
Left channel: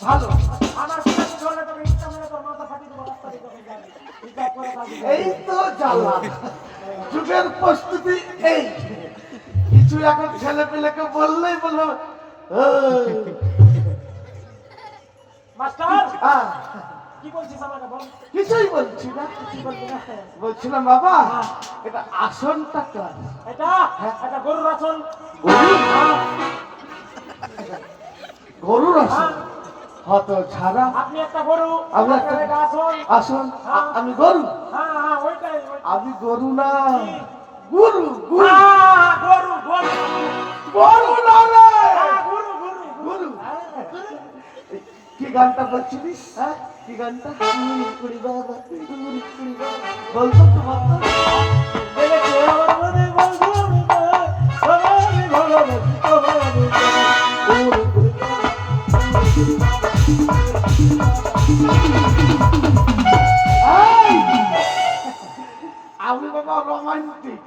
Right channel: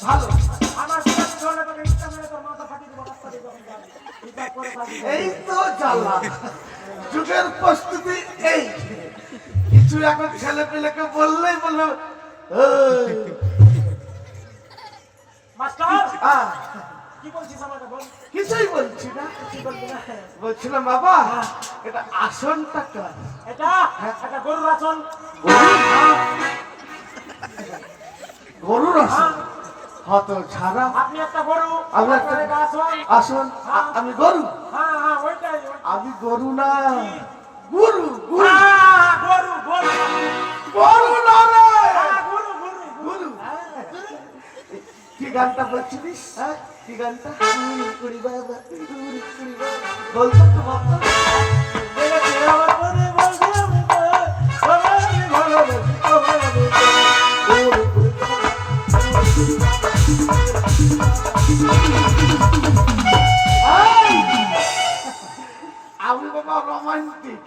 ভালো এই তো জ্বালা যুগের প্রস্তুতি এই কিছু এখন ছেলে পেলেকে বললেই বললো "এই, মাস্টার আহ, কি বলছিস আমাকে বল? কিছুই বলছি না কি বলবি না? বলছিলাম বাবা এটা আসনটা কার এটা এটা গরুর আসন। গরুর আসন হত ছাড়া আপনি একটা গরু, আমি আপনার একটা- একটা আসন। আসন আমি গরু হ্যাঁ হ্যাঁ ওইটাই আমি গরু না গুরু গুরু গরু গরু গরু না রে গরু গরু গুরু কি গানটা বলছিলিস হ্যাঁ কি গানটা কুড়ি বাবা বলতো তো বাবা দেখে আমার মনে বলছি আমি তো সবাই ভালোবাসি তোমায় আমি এই! আমি বাবা রোমান্টিক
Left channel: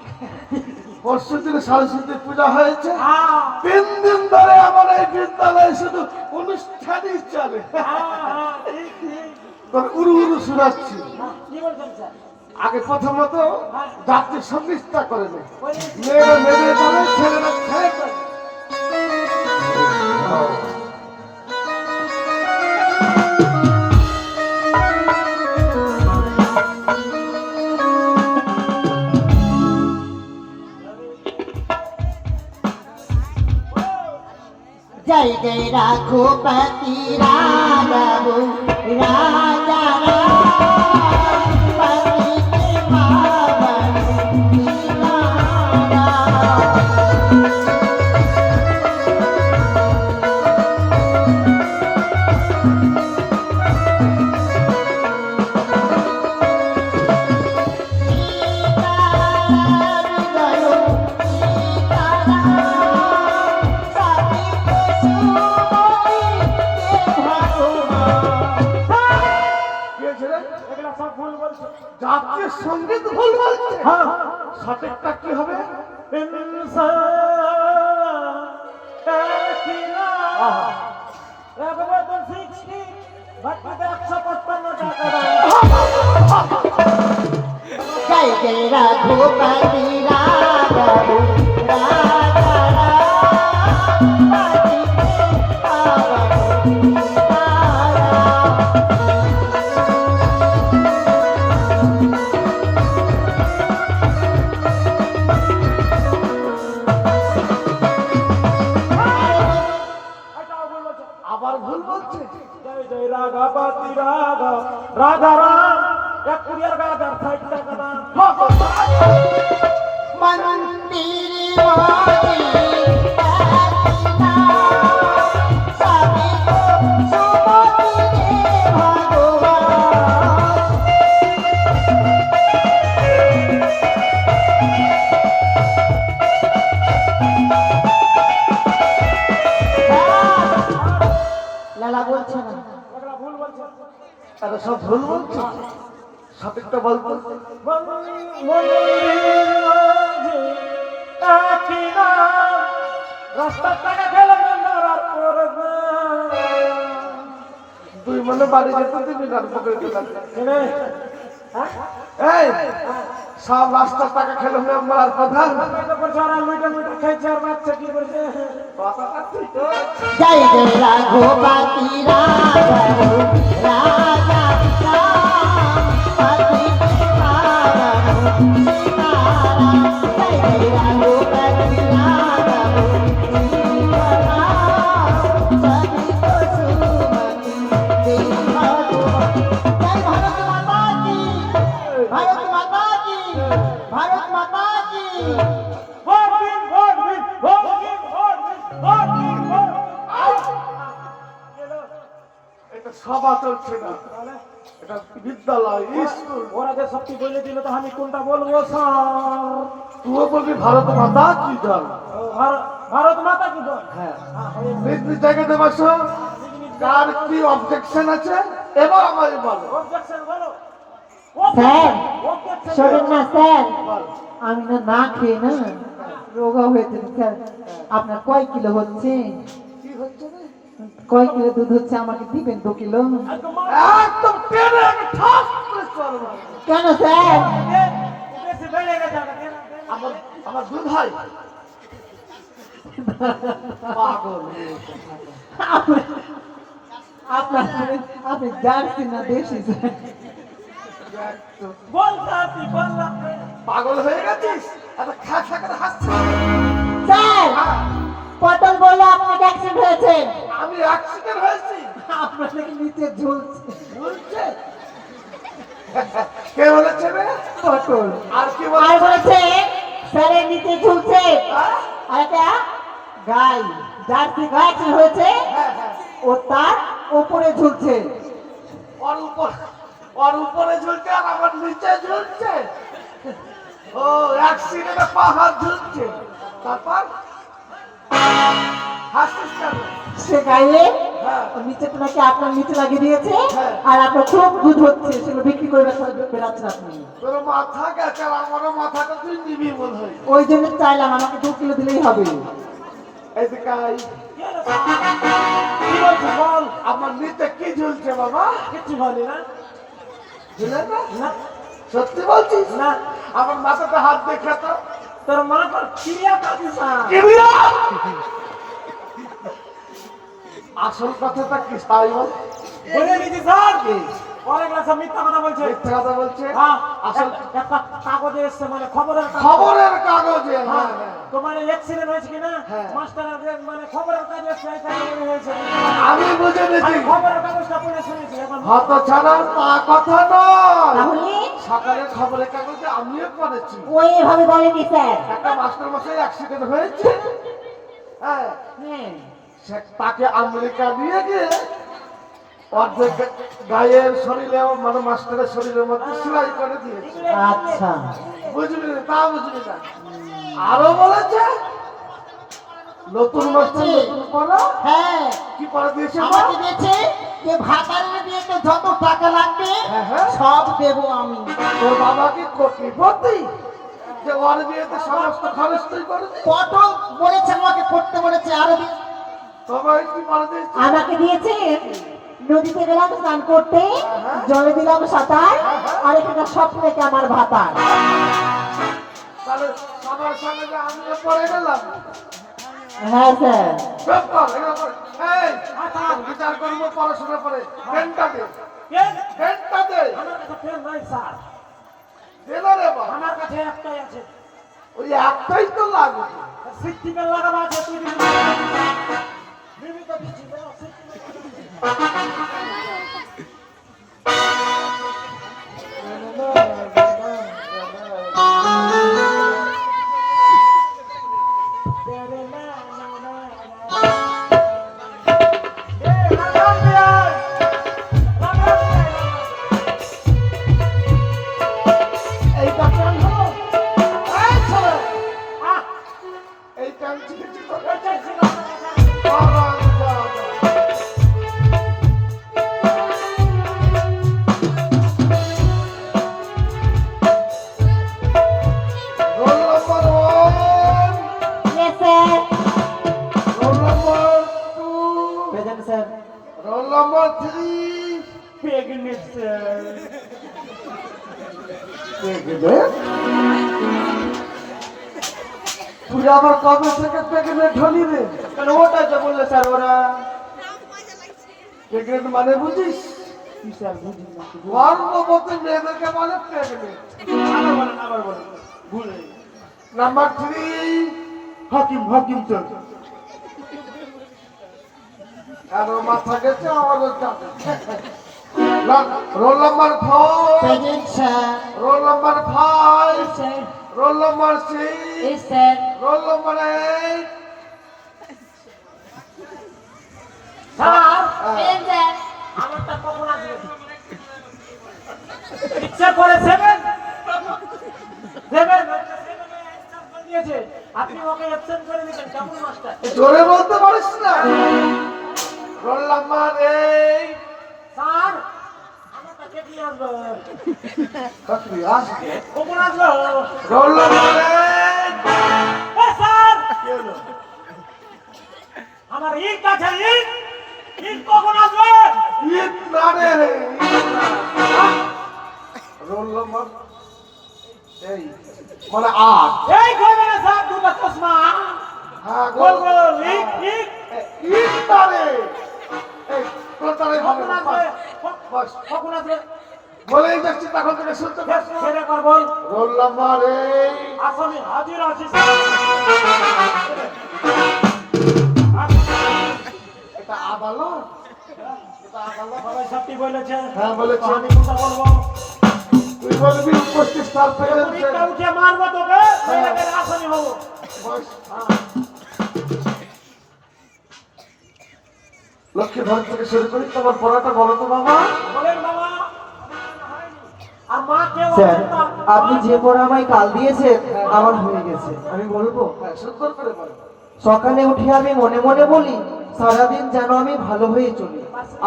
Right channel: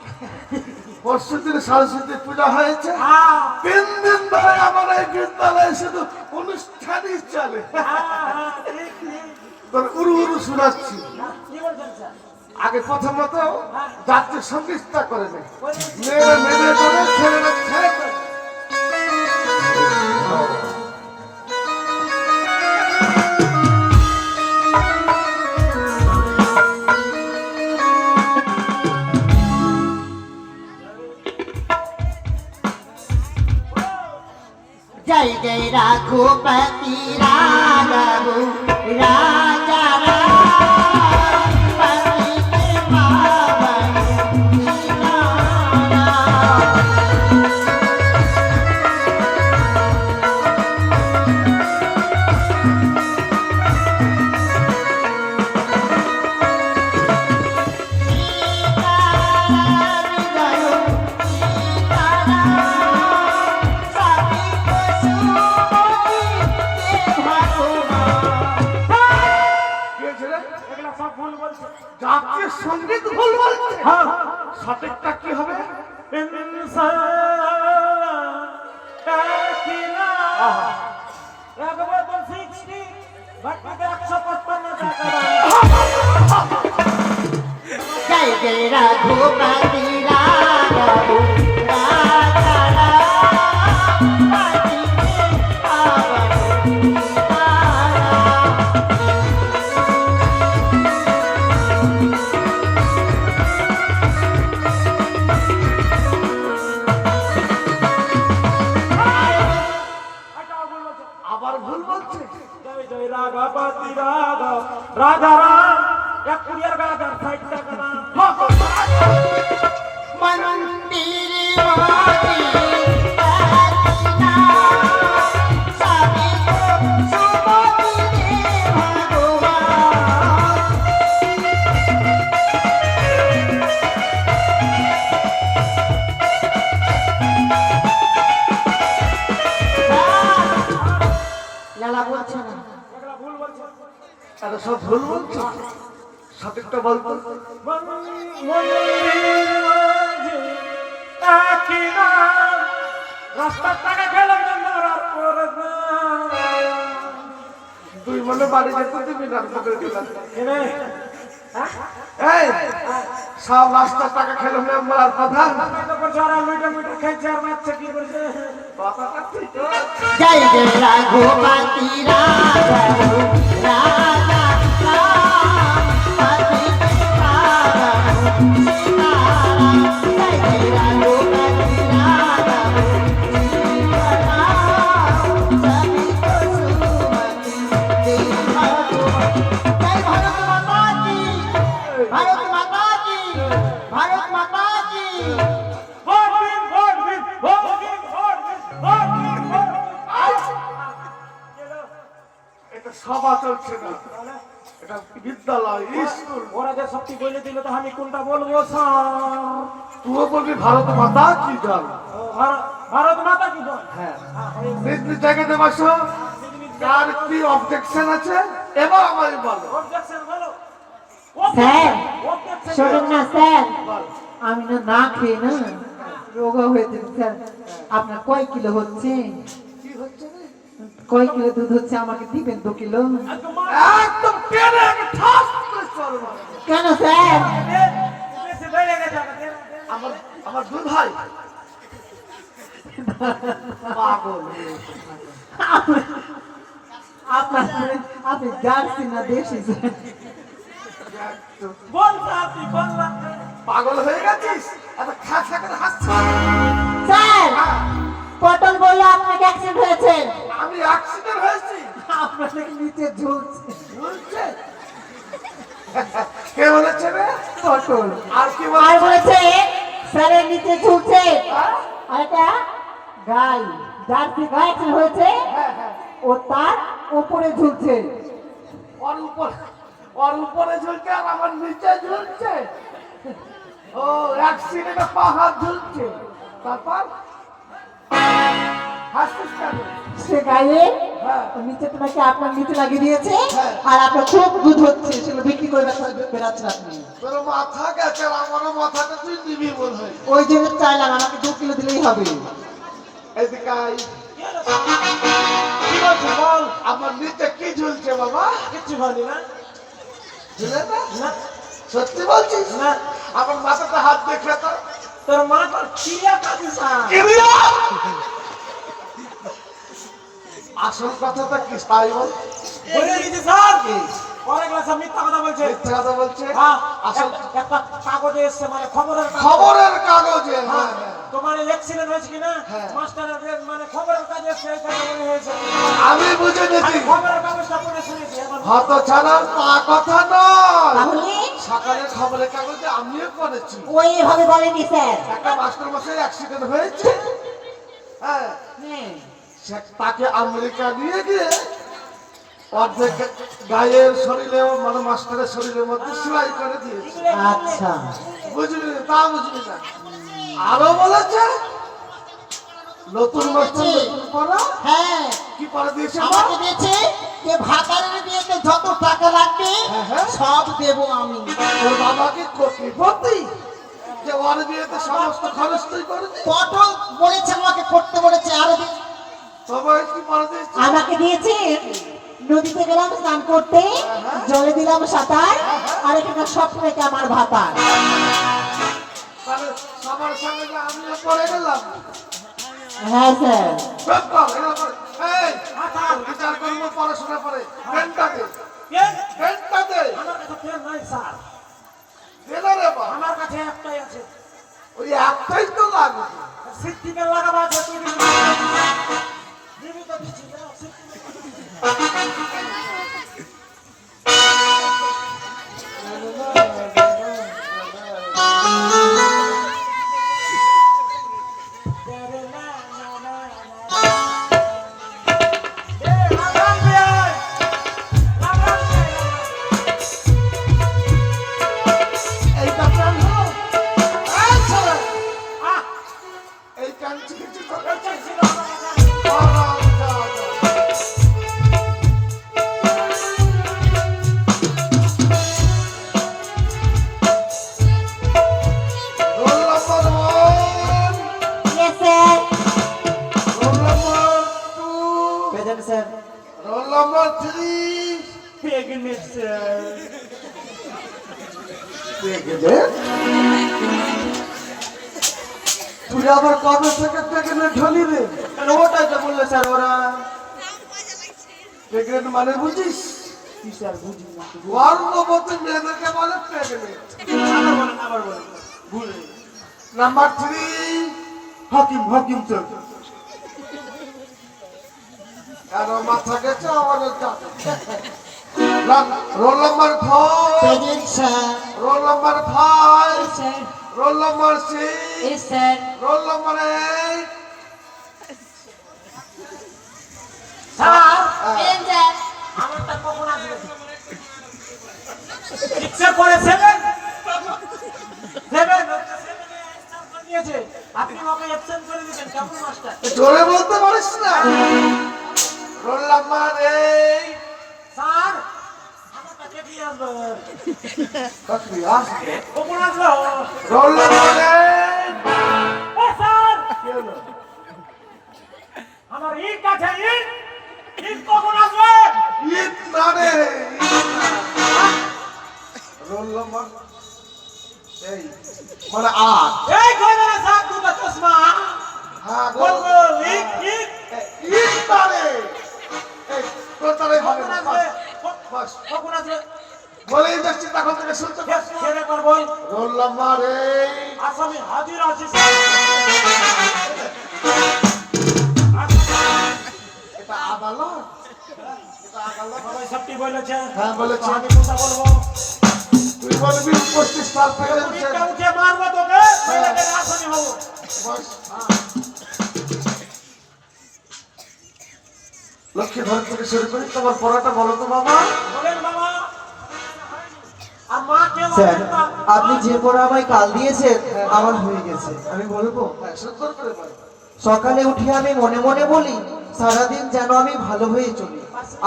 পরশু দিন সরস্বতী পূজা হয়েছে হ্যাঁ 3 দিন ধরে আমার এই বিদ্যালয়ে শুধু অনুষ্ঠানই চলে ঠিক ঠিক তোর উড়ু উড়ু শুনাচ্ছি কি বলছেন স্যার? আগে প্রথমত জাতীয় সঙ্গীতটা করে নেয় মেয়েরা মেয়ে করে ছেলেরা ছেলে করে जय जय रघुपति राघव राजा राम, पतित पावन सीताराम। কি হয়েছে রে? এগুলা সব ভুল বলছে। জাতীয় সঙ্গীত ভুল বলছে হ্যাঁ সঠিকটা কি হবে इंसान একই না। একবার 60 বাকিতে 155 টাকা দাম। जय जय रघुपति राघव राजा राम, पतित पावन सीताराम। এটাও ভুল বলছে। আবার ভুল বলছে জয় জয় রাঘাপতি রাঘব রাধা রাম এক কুড়িয়ার গাদার 60 টাকা দাম। मंदिर वाली रचना, सभी को सुमति दे भगवान। লালা বলছে না এগুলা ভুল বলছে। তারা সব ভুল বলছে সঠিকটা বলতো একই নাম রাস্তার টাকা খেলে মরার পর তুই মনে বাড়ি যেতে দিবি না তোকে দিলাম এই সব রাস্তার টাকা খেলে হয়ে আমার কথা কথাটা ঠিক जय जय रघुपति राघव राजा राम, पतित पावन सीताराम। जय जय रघुपति राघव सीताराम, सभी को सुमति दे भगवान। जय भारत माता की, भारत माता की, भारत माता की। এটা সভা চলছে না এটা বিদ্যালয় স্কুল ওরা যে সত্যি বলে দিল তো আমি কোনটা বলবো স্যার? তুইও বলবি ভারত মাতা কি জল ভারত মাতা কি জয়। হ্যাঁ নিজ নিজ জায়গাতে বসো কার কি অবজেকশন আছে এবার আমায় বলো Objection বলো। স্যার Objection শোনেন না স্যার বল আমি না না খেয়ে না রোগা হয়েছে স্যার। আপনার কয় কিলো হচ্ছে? কি হচ্ছে রে? কয় কিলো দুধ হচ্ছে আমাকে দিবেন 2 কিলো? একদম টেনে ঠাস করে চড় মারো। কেন স্যার? বেশি বেড়ে গেছে আমার, দে না, দে না। আমার আমার দুধ হয় পাগল আপনার আপনি জার্সি না দেশি স্যার? বল স্যার, তুই বল না। পাগল হয়ে গেছিস এত খাসা করে হাসছিস। স্যার পটল বললো আপনাকে অ্যাক্সিডেন্ট হয়েছে। আমি অ্যাক্সিডেন্ট হয়েছি আপনার নাকি নিচে ঝুলছে বলছে কে বলেছে রে? পটল। আর কি আর বলেছে? বলেছে স্যারের নিচে ঝুলছে। আর এটা গাই, জার্সি গাই অ্যাক্সিডেন্ট হয়েছে, ও তার উপরে ঝুলছে। ওর উপরে ঝুলছে আর আমার নিচে ঝুলছে। ও অ্যাক্সিডেন্টে পাহাড় ঝুলছে। তারপর হাসছিস কেন? সে গায়ে হ্যাঁ। নিচেটা নাকি আপনার নিচে লাগিয়ে দিয়েছে, হ্যাঁ। আর আপনার খুব দুধ হচ্ছে, সেগুলো বিক্রি করে বেড়াচ্ছেন আপনি। তোর মাথা গেছে আর আমারও মাথাটা তুই নিবি মনে হয়। ওই জন্য চাইলাম আমাকে 2 কিলো দিলেই হবে। এদিকে আয়। কি বলছিস বল? আমার নিচে কি ঝুলছে বাবা? কিচ্ছু বলি না। ঝুলে না? না, সত্যি বলছিস? না, আমার মাথাতে হাত দেখে তো। তোর মা তোর ক্রিয়া কাটিস না। কিরিয়া! আসল কথাটা কি তাই বল? বলে দিয়েছি স্যার, অনেকগুলো সব মিথ্যা কথা বলছে। মিথ্যা কথা বলছে? হ্যাঁ, আসল একটা কাগজে এসছে, মানে খবরের কাগজ। খবরের কাগজে। হ্যাঁ, হ্যাঁ, হ্যাঁ। তোমার অ্যাক্সিডেন্ট হয়েছে কিনা হ্যাঁ। মাস্টারের মানে খবরের কাগজ এসছে, এই কাগজে হয়েছে। আমি বুঝে নিয়েছি। আমি খবরের কাগজটা পড়ে শুনেছি এখন। হত ছাড়া তা কথা নয়। তাহলে সকালের খবরের কাগজে আমিও পড়েছি। ওই এভাবে বলেনি স্যার। একটা মাস্টার মশাই অ্যাক্সিডেন্ট হয়েছে। হ্যাঁ, হ্যাঁ। তাকে আমেরিকা নিয়ে গিয়ে অর্ধেক গায়ের শরীরে মানে মাস্টারের শরীরের মধ্যে সেলাই করে দিয়েছে। আচ্ছা। বুঝলি না? তা বুঝলি না? আরো বলেছে নতুন মাস্টার নতুন পড়া হ্যাঁ, কি পড়া দিয়েছে? আমাকে দিয়েছে যে ভাতারের বিয়েতে যত টাকা লাগবে হ্যাঁ, হ্যাঁ। সব দেবো আমি। তোর বাবা কি কোটিপতি যে ওর বিয়েতে সমস্ত খরচ তুই করে দিস? পটল বলেছে আমাকে করতে বলেছে, আরো সবাই কি পড়া দিয়েছে? আমাকে দিয়েছে নদীতে গেলাম স্নান করতে, জলে দিলাম সাঁতার, আর এখানে স্বপ্ন রেখে আমার ভাতার। তাহলে সবার সঙ্গে যে আমিও পড়ে গেলাম। হ্যাঁ স্যার। চুপ কর, এগুলো কর। এই, বিচার করবো পড়াশোনা করে। পেনটা দে, পেন? পেনটা দে। আমার কাছে পেন নাই স্যার, দে না রে বাবা। আমার কাছে একটাই আছে। ওই একটাই তো লাগবে। সিদ্দিকের লাগাবো আছে, তুই দিবি না? দিবি তো দিচ্ছি না, সিদ্দিকের। এইটা প্যান হলো? এই ছেলে, এই প্যান ছিঁড়েছি তো? বাবা, বাবা। Roll number 1, Yes sir. Roll number 2, Present sir. Roll number 3। Pregnant sir. তুই আবার কবে থেকে প্রেগনেন্ট হলি রে? ওটাই তো বললো স্যার ওরা। প্রেগনেন্ট মানে বুঝিস? কি স্যার বুঝি না। গর্ভবতী মেয়েদেরকে বলে প্রেগনেন্ট। আবার বলেন, ভুলে গেছি। নাম্বার 3, হাকিম স্যার। আর মাথা গেছে আমার roll number 4, Present sir. Roll number 5, Sir. Roll number 6, Yes sir. Roll number 8। Sir, Present sir. আমারটা কখন আসবে? 6 এর পরে 7? 7 দিয়েছে। আপনি ওকে অ্যাবসেন্ট করে দিবেন, কেমন মাস্টার? জোরে বলতে পারিস না? রোল নাম্বার 8, স্যার, আমাকে কে দিয়ে আসলো? কাকরি আসবে কখন আসলো? রোল নম্বরে এ স্যার! আমার ইট আছে, ইট! ইট কখন আসবে? ঈদ না রে রোল নম্বর এই মানে আট এই কবে না স্যার দুটো চশমা? হ্যাঁ বল গোল বল, ইট, ইট! ঈদ না রে এই তোর তারে হবে কখন না আসবে? বাস কখন আসবে? বলেই যাচ্ছি তখন থেকে শুনতে পাচ্ছ ছেড়ে কর বল। রোল নম্বর এই আসামি হাজির আছে স্যার। এটা আদালত এটা আদালত সবাই সবটি বলেছে। হ্যাঁ, বলেছে। আমি কোথা বলবো? তুই বলবি 25 সাল থেকে ইটটা উঠে মারবো তোকে, নইলে গেলে আসামি হবো। বস। লক্ষ্মী ধর থেকে শুরু করি তোমার পড়াটা বলো তো বাবা বলেন বাবা। আর মা কেউ স্যার আছেন না? আপনি যে পড়া আমায় কাল দিয়েছেন আমার হয়ে গেছে আমি বলবো হ্যাঁ সুন্দর করে বলো সকালে উঠে আমি মনে মনে বলি সারাদিন যেন আমি ভালো হয়ে চলি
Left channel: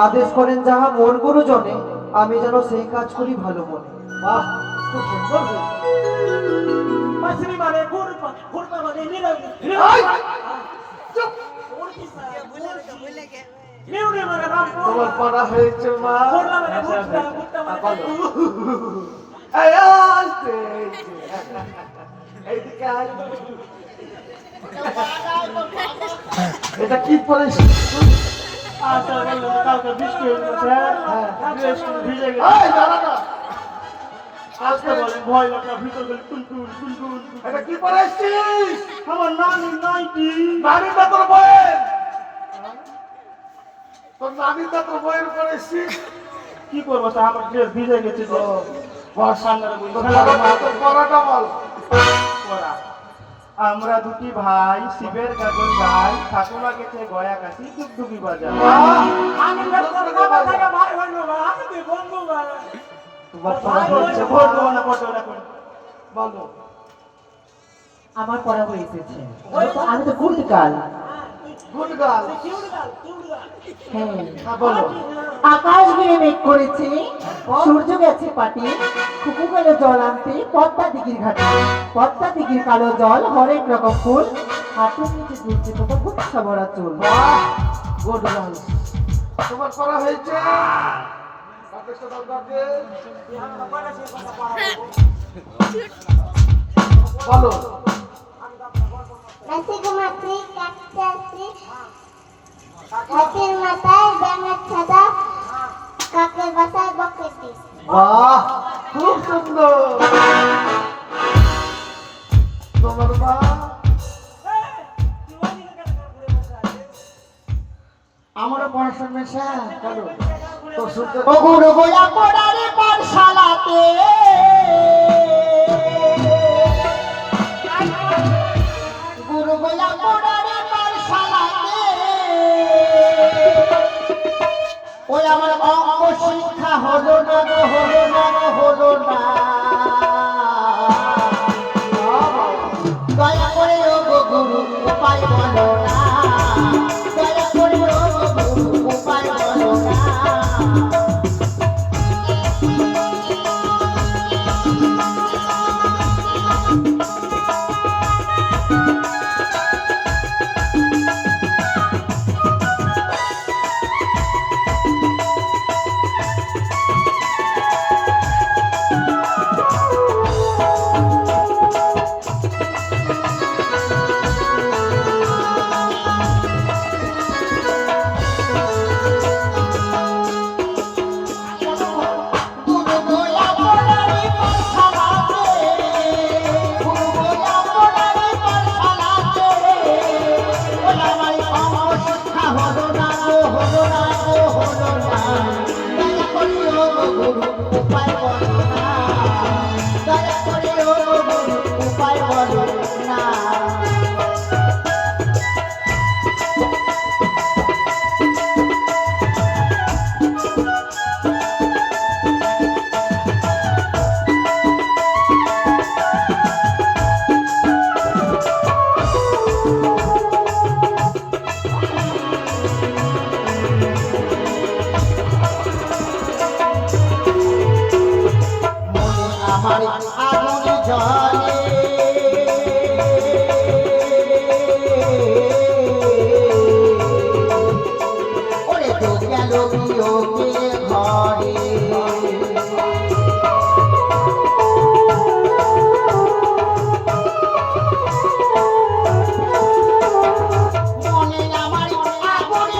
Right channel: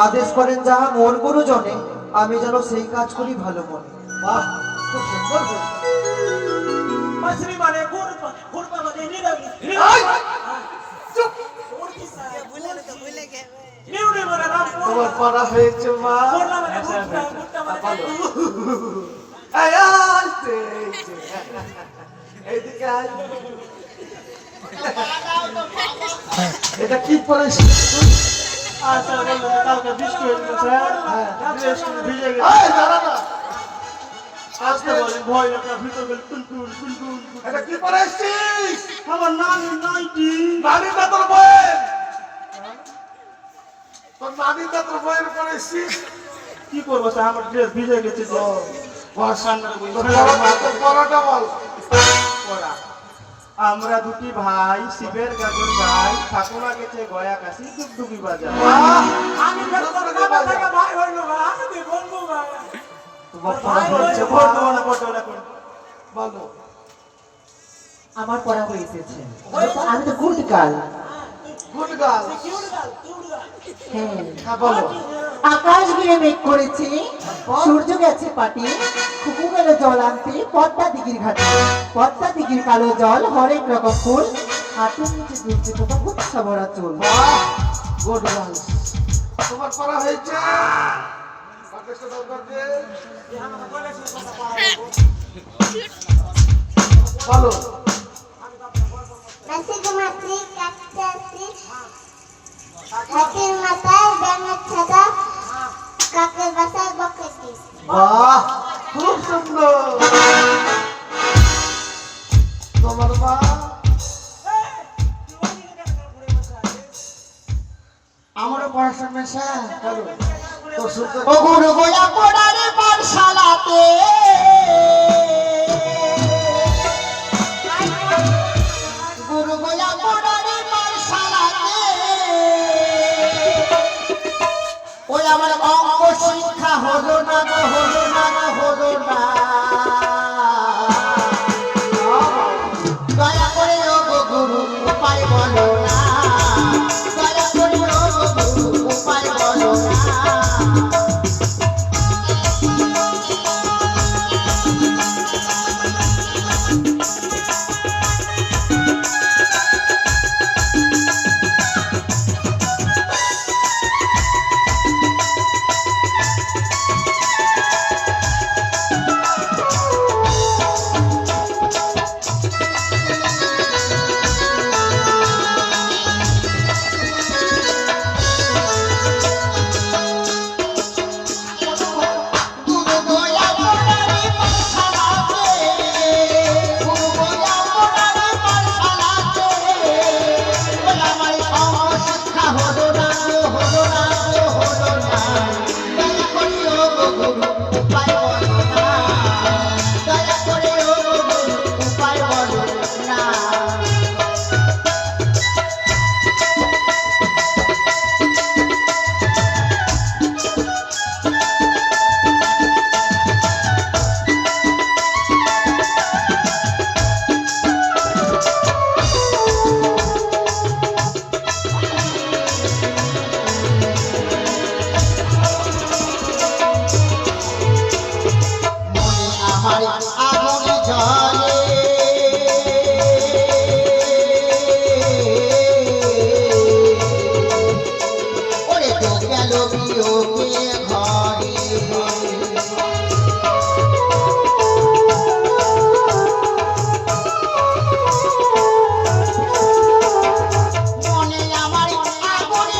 আদেশ করেন যাহা মোর গুরুজনে আমি যেন সেই কাজ করি ভালো মনে বাহ খুব সুন্দর হয়েছে। মাছরি মানে কুরবা মানে নিরামি। এই! চুপ! নিউরে মানে নাম তোমার পড়া হয়েছে মা কুরবা মানে কুরবা মানে এই আসতে এইদিকে আয়। এটা কি পড়েছিস আচ্ছা বললেন কালকে বৃষ্টি হয়ে গেছে হ্যাঁ। ড্রেস ভিজে গেছে এই দাঁড়া না আজকে বলেন ভয় লাগে ভিতর গেলে টুলটুল টুলটুল এটা কি পড়েছিস আমার নানি নাইটি নানির না তোর বইয়ের তোর নানির না তোর বইয়ের পড়েছিস কি করবো স্যার আমার ড্রেস ভিজে গেছে যে বস তোর পড়াটা বল পড়া। আমরা দুটি ভাই শিবের গাজন ভাই ঠাকুমা গেছে গয়া কাশি ডুগডুগি বাজার বাহ! আমি কুরবা থেকে ভাই হইলো না, আমি কি বলবো না? তোমার পড়া হয়েছে ভোট দেবো না ভোট দেবো না করে। বলো আমার পড়া হয়ে এসেছে আমি তো good girl good girl cute গাল, কিউট গাল। হ্যাঁ হ্যাঁ বলো আকাশ ঘিরে মেঘ করেছে সূর্য গেছে পাটি খুকু গেল জল আনতে পদ্মা দিঘির ঘাটে পদ্মা দিঘির কালো জল হরেক রকম ফুল হাঁটুর নিচে দুলছে কোথা গুচ্ছা ভরা চুল বাহ গুড গার্ল তোমার পড়া হয়েছে পাটেশ্বর দরবারকে বলো নাসিকে মাতৃ কাটতে আসি হাতির মাথায় ব্যাঙের ছাতা কাকের বাসায় বকেটি বাহ খুব সুন্দর তোমার মা আমারও পড়াশোনা মেশা করো তো সুন্দর ও গুরু গোয়া পড়ারে পাঠশালাতে গুরু গোয়া পড়ারে পাঠশালাতে ওই আমার অঙ্ক শিক্ষা হলো না গো, হলো না গো, হলো না দয়া করে ও গো গুরু উপায় বলো না দয়া করে ও গো গুরু উপায় বলো না বিয়োগে ঘরে মনে আমার আগুনে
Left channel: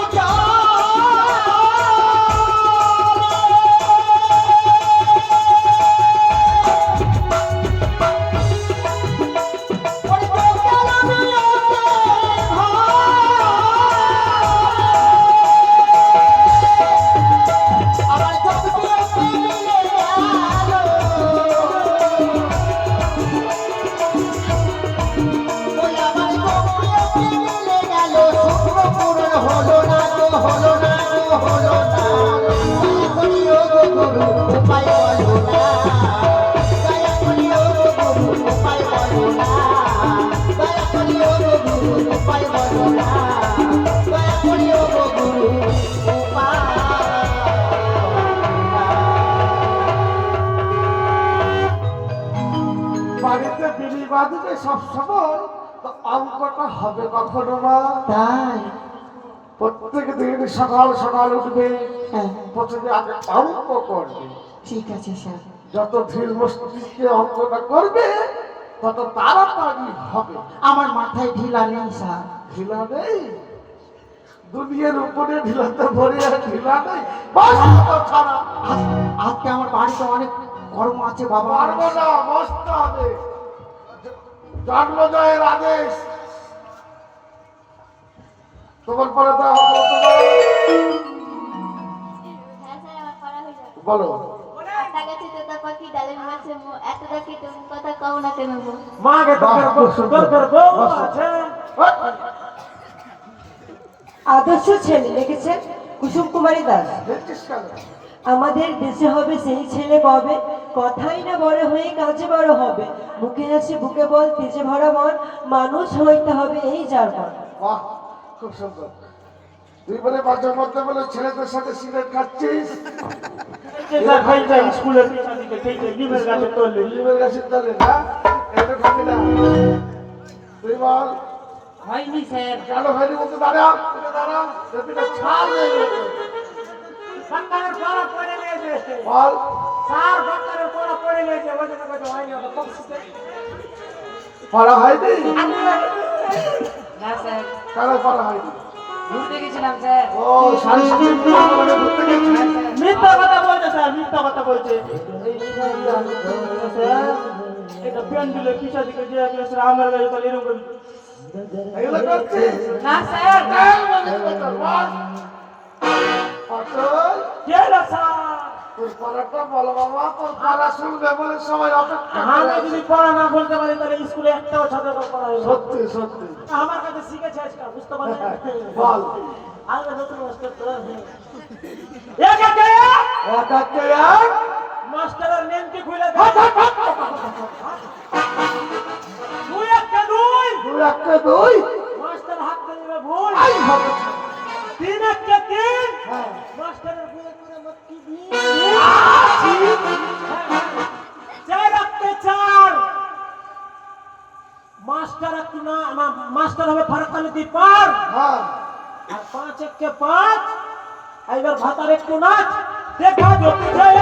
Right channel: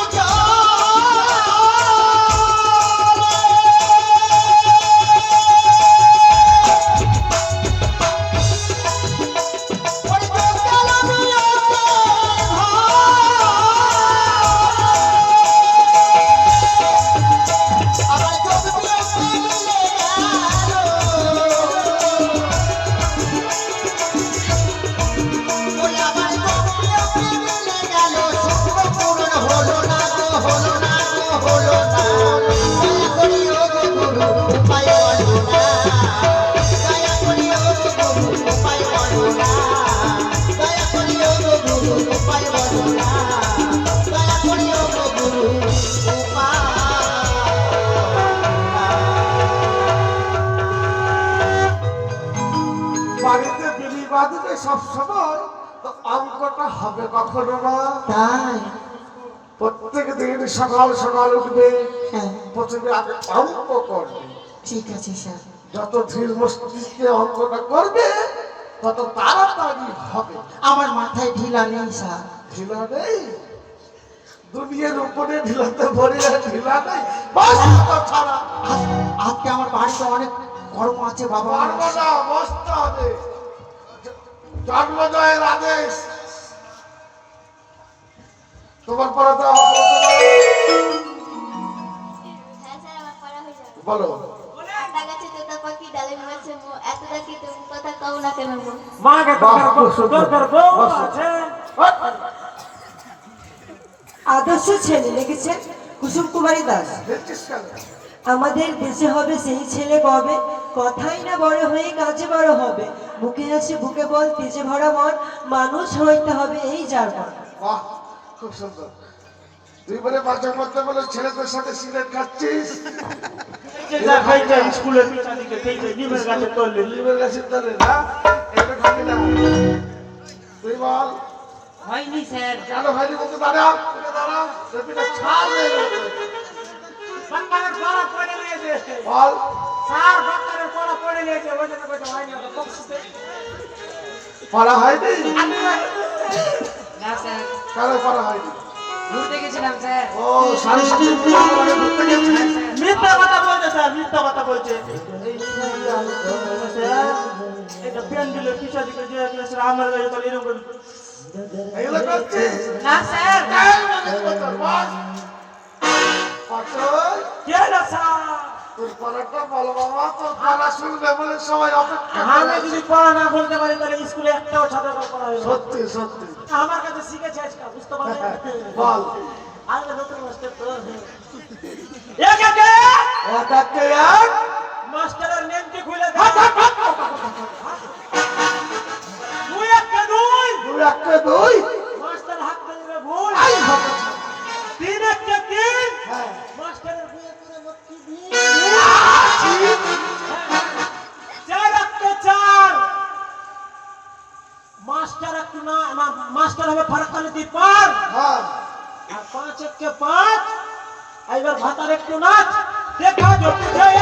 বাড়িতে বিলি বাঁধবে সব সময়, তো অঙ্কটা হবে কখনো না। তাই প্রত্যেক দিন সকাল সকাল উঠবে, হ্যাঁ প্রথমে আগে অঙ্ক করবে। ঠিক আছে স্যার। যত ধীর মস্তিষ্কে অঙ্কটা করবে তত তাড়াতাড়ি হবে। আমার মাথায় ঢিলা নেই স্যার। ঢিলা নেই, দুনিয়ার উপরে ঢিলাতে ভরে আর ঢিলা নেই, বাস কথা ছাড়া। আজকে আমার বাড়িতে অনেক কর্ম আছে বাবা। পারবো না, বসতে হবে। জন্মজয়ের আদেশ তোমার পরে দেওয়া হবে। হ্যাঁ স্যার, আমার পড়া হয়ে যাবে। বলো। আতা গাছে তোতা পাখি ডালে মেরেছে এত দেখি তুমি কথা কও না কেন গো? মাকে আদর্শ ছেলে লিখেছেন কুসুম কুমারী দাস। আমাদের দেশে হবে সেই ছেলে কবে, কথাই না বড় হয়ে কাজে বড় হবে, মুখে হাসি বুকে বল তেজে ভরা মন, মানুষ হইতে হবে এই যার মন। বাহ, খুব সুন্দর। তুই বলে মাঝে মধ্যে বলে ছেলেদের সাথে সিগারেট খাচ্ছিস, স্কুলের নিমের গাছে তলে লিভার গাছের তলে না, এটা খাবি না। তুই বল। হয়নি স্যার। কেন ভাইরি মতো দাঁড়া, দাঁড়া, দেখবি না ছাল হয়ে গেছে। বাঙ্গালের পড়া পড়ে নিয়েছে বল। স্যার, বাঙ্গালের পড়া পড়ে নিয়েছে, ওই জন্য কথা হয়নি। আমার খুব সুন্দর। পড়া হয়নি? না স্যার, কেন পড়া হয়নি? ঘুরতে গেছিলাম স্যার। ও, সাড়ে সাতটার দিকে ঘুরতে গেছিস? মিথ্যা কথা বলছে স্যার, মিথ্যা কথা বলছে। স্যার, এটা প্যান্ডেলের পিছা দিকে যে স্যার আমার গাড়ি তাহলে এরকম করে এগুলো করছিস? না স্যার, কেন বলিস কথা? বল। অতএব কে না স্যার? তোর পড়াটা বলো বাবা, তোর পড়া শুনবে বলে সবাই অপেক্ষা করে আমি আছে। যদি পড়া না বলতে পারি তাহলে স্কুলে একটাও ছাত্র পড়া হবে না। সত্যি সত্যি। আমার কাছে শিখেছে আজকে, বুঝতে পারলেন? বল। আরে নতুন মাস্টার তো এক একে এক একে এক। মাস্টারের নেম কি খুলে দে। দুই একে দুই, দুই একে দুই। মাস্টার হাত ধরে ভুল। এই হবে। তিন একে তিন, হ্যাঁ। মাস্টারের বিয়ে করে মক্কি দিয়ে। চার একে চার, মাস্টার একটু না না, মাস্টার হবে ফারাকালিতে পার। হ্যাঁ। আর পাঁচ একে পাঁচ। এইবার ভাতার একটু নাচ দেখা জটি যায়।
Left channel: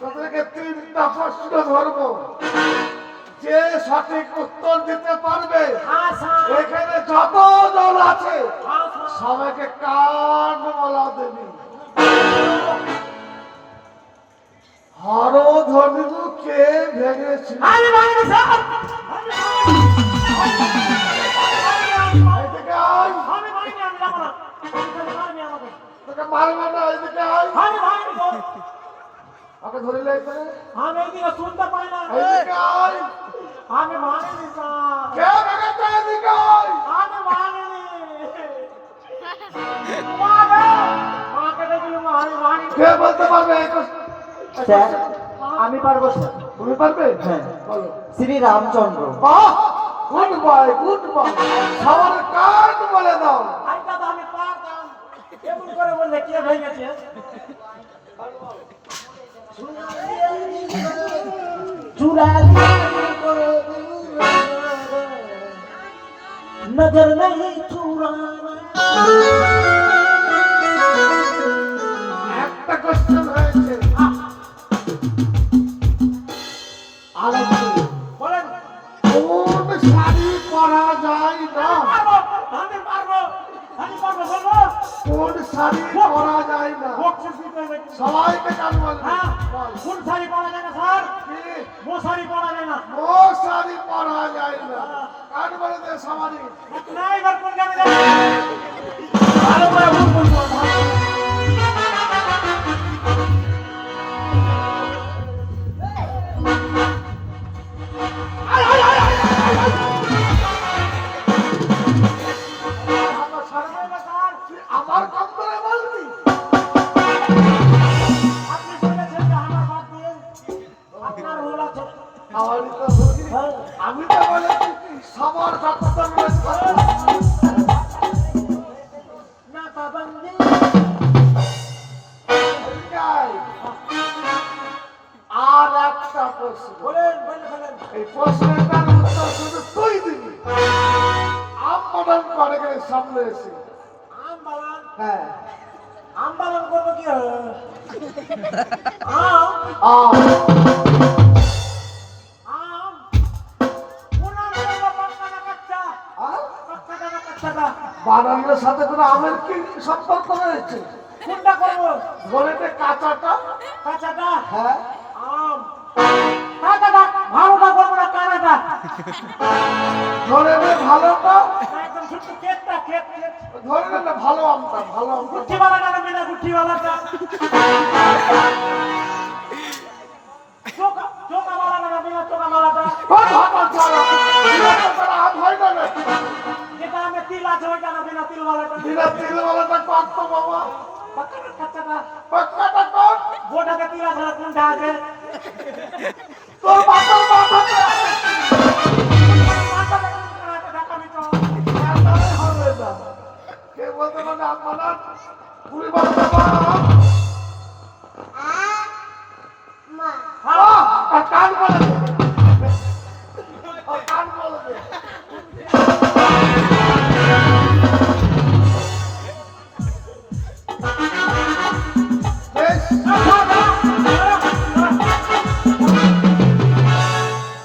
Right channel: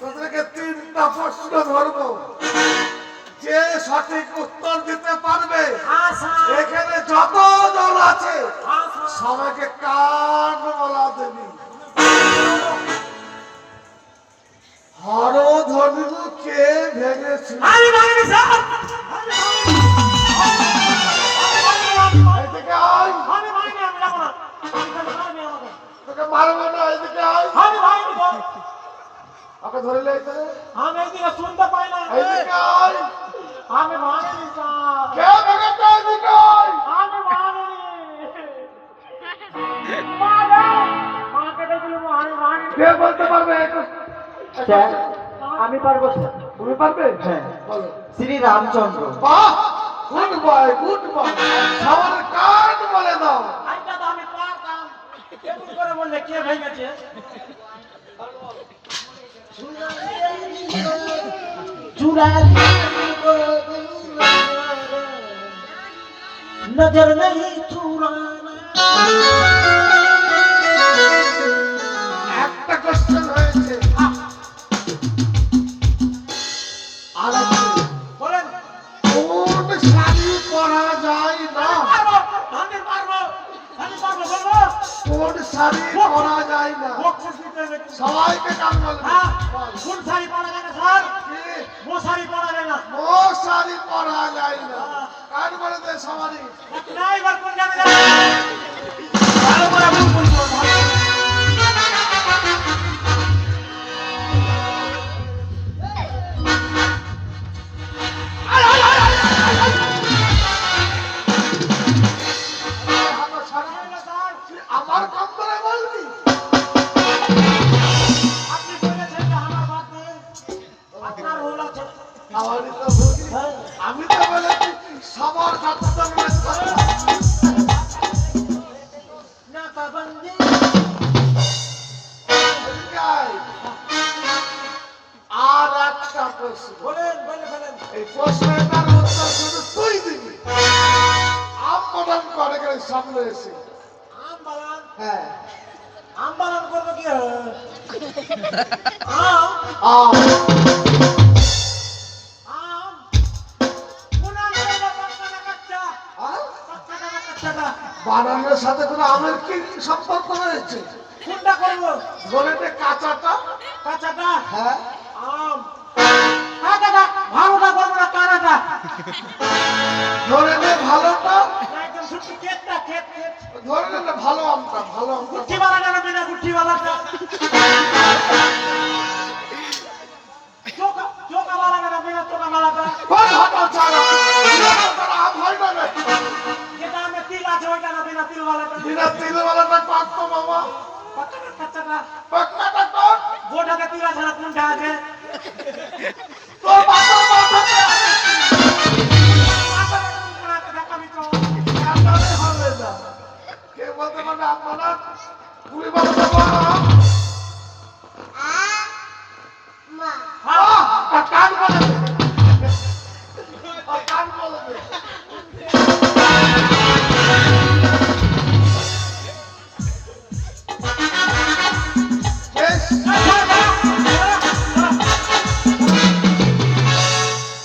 তোদেরকে তিনটা প্রশ্ন ধরবো, যে সঠিক উত্তর দিতে পারবে এখানে যত দল আছে সবাইকে কান বলা দেবি। হরধনু কে ভেঙেছিল? আমি মানি স্যার, এদিকে আয়। আমি মাইনি, আমি যাবো না। মারবি আমাকে। তোকে মারবো না, এদিকে আয়। আমি মাইনি গো। ওকে ধরে লে এখানে। আমি এইদিকে শুনতে পাই না। এদিকে আয়। আমি মানিনি স্যার। কে ভেঙেছে? এদিকে আয়। আমি মানিনি। মাকে দেখলাম না, আমি মানিনি। কে বলতে পারবে? স্যার আমি পারবো স্যার। তুমি পারবে? হ্যাঁ। বলো। শ্রী রামচন্দ্র। বাহ, গুড বয়, গুড বয়। সবার কান বলে দাও। আজকে তো আমি পারতাম। এমন করে বললে কে ভেঙেছে? चुरा लिया नजर नहीं चुराना একটা কোশ্চেন হয়েছে আলাদা বলেন কোন শাড়ি পরা যায় না আমি পারবো বলবো কোন শাড়ি পরা যায় না বকশিশ দিতে হবে। সবাইকে কান বলবে হ্যাঁ, কোন শাড়ি পরা যায় না স্যার? মশারি পরা যায় না। ও শাড়ি পরা যায় না কান বলে দে সবারই না এবার কোন যাবে ভালো করে ভুল বলবো আমার কম করে বলবি আপনি বলেছেন যে আমার বাদ দিয়ে আপনার রোল আছে। তাহলে তো বলি আমি তো বলেছি সবার যত্ন নিয়ে চলো। नाकाबंदी গাই। আর একটা প্রশ্ন বলেন বলেন এই প্রশ্নটার উত্তর শুধু তুই দিবি আম মডার্ন করে করে সামনে এসে আম বাগান হ্যাঁ আম বাগান করবো কি হবে? আম আম আম কোন আম করবো? পাক্কা না কাঁচা? পাক্কা না কাঁচাটা? বানানোর সাথে কোনো আমের কি সম্পর্ক রয়েছে কোনটা করবো? ধরেতে কাঁচাটা কাঁচাটা? হ্যাঁ আম কাঁচাটা ভালোটা করবো না কানাটা? ধরে নে ভালোটা না একদম ছোট্ট ক্ষেতটা ক্ষেত ধরে নে ভালো আমটা গুঠিওয়ালাটা নেবে না গুঠিওয়ালাটা চোকাওয়ালা নেবে না চোকাওয়ালাটা আম হয় না রে যেটা আমি তিল আছে ওইটা নেবে না তিলওয়ালাটা বিনা তিলওয়ালাটা পাকতো বাবা পাক্কা না কাঁচাটা? পাকনাটা কোন গোটাতে তিল আছে না কোনটা আছে? তোর বাবার মাথাতে মাথাটা কোনটা আছে দেখাবি তো। কাটারে হবে না কে বলতে পারে আপনারা পুরি বাবা আর কান বলে দে। আর কান বলে দে। বেশ,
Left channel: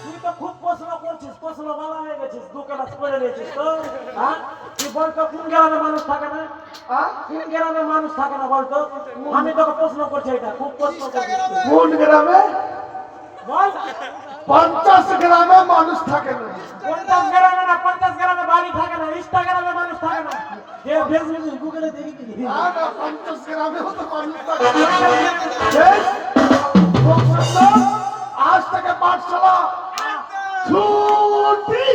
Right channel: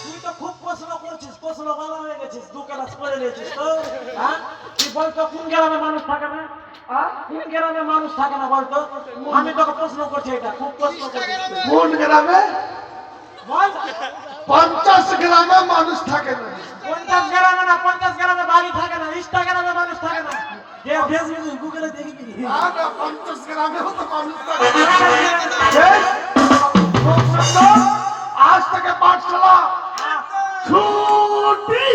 তুই তো খুব প্রশ্ন করছিস, প্রশ্ন বলা হয়ে গেছিস, দু ক্লাস করে নিয়েছিস তো, হ্যাঁ? তুই বলতো কোন গ্রামে মানুষ থাকে না? হ্যাঁ? কোন গ্রামে মানুষ থাকে না বলতো? আমি তোকে প্রশ্ন করছি এটা, খুব প্রশ্ন করছিস তুই। কোন গ্রামে বল, 50 গ্রামে মানুষ থাকে না 50 গ্রামে না, 50 গ্রামে বাড়ি থাকে না, ইনস্টাগ্রামে মানুষ থাকে না। যে ফেসবুকে, গুগলে দেখবি। না, না, 50 গ্রামেও তো মানুষ থাকে না। বেশ, খুব সুন্দর। আজ থেকে পাঠশালা ছুটি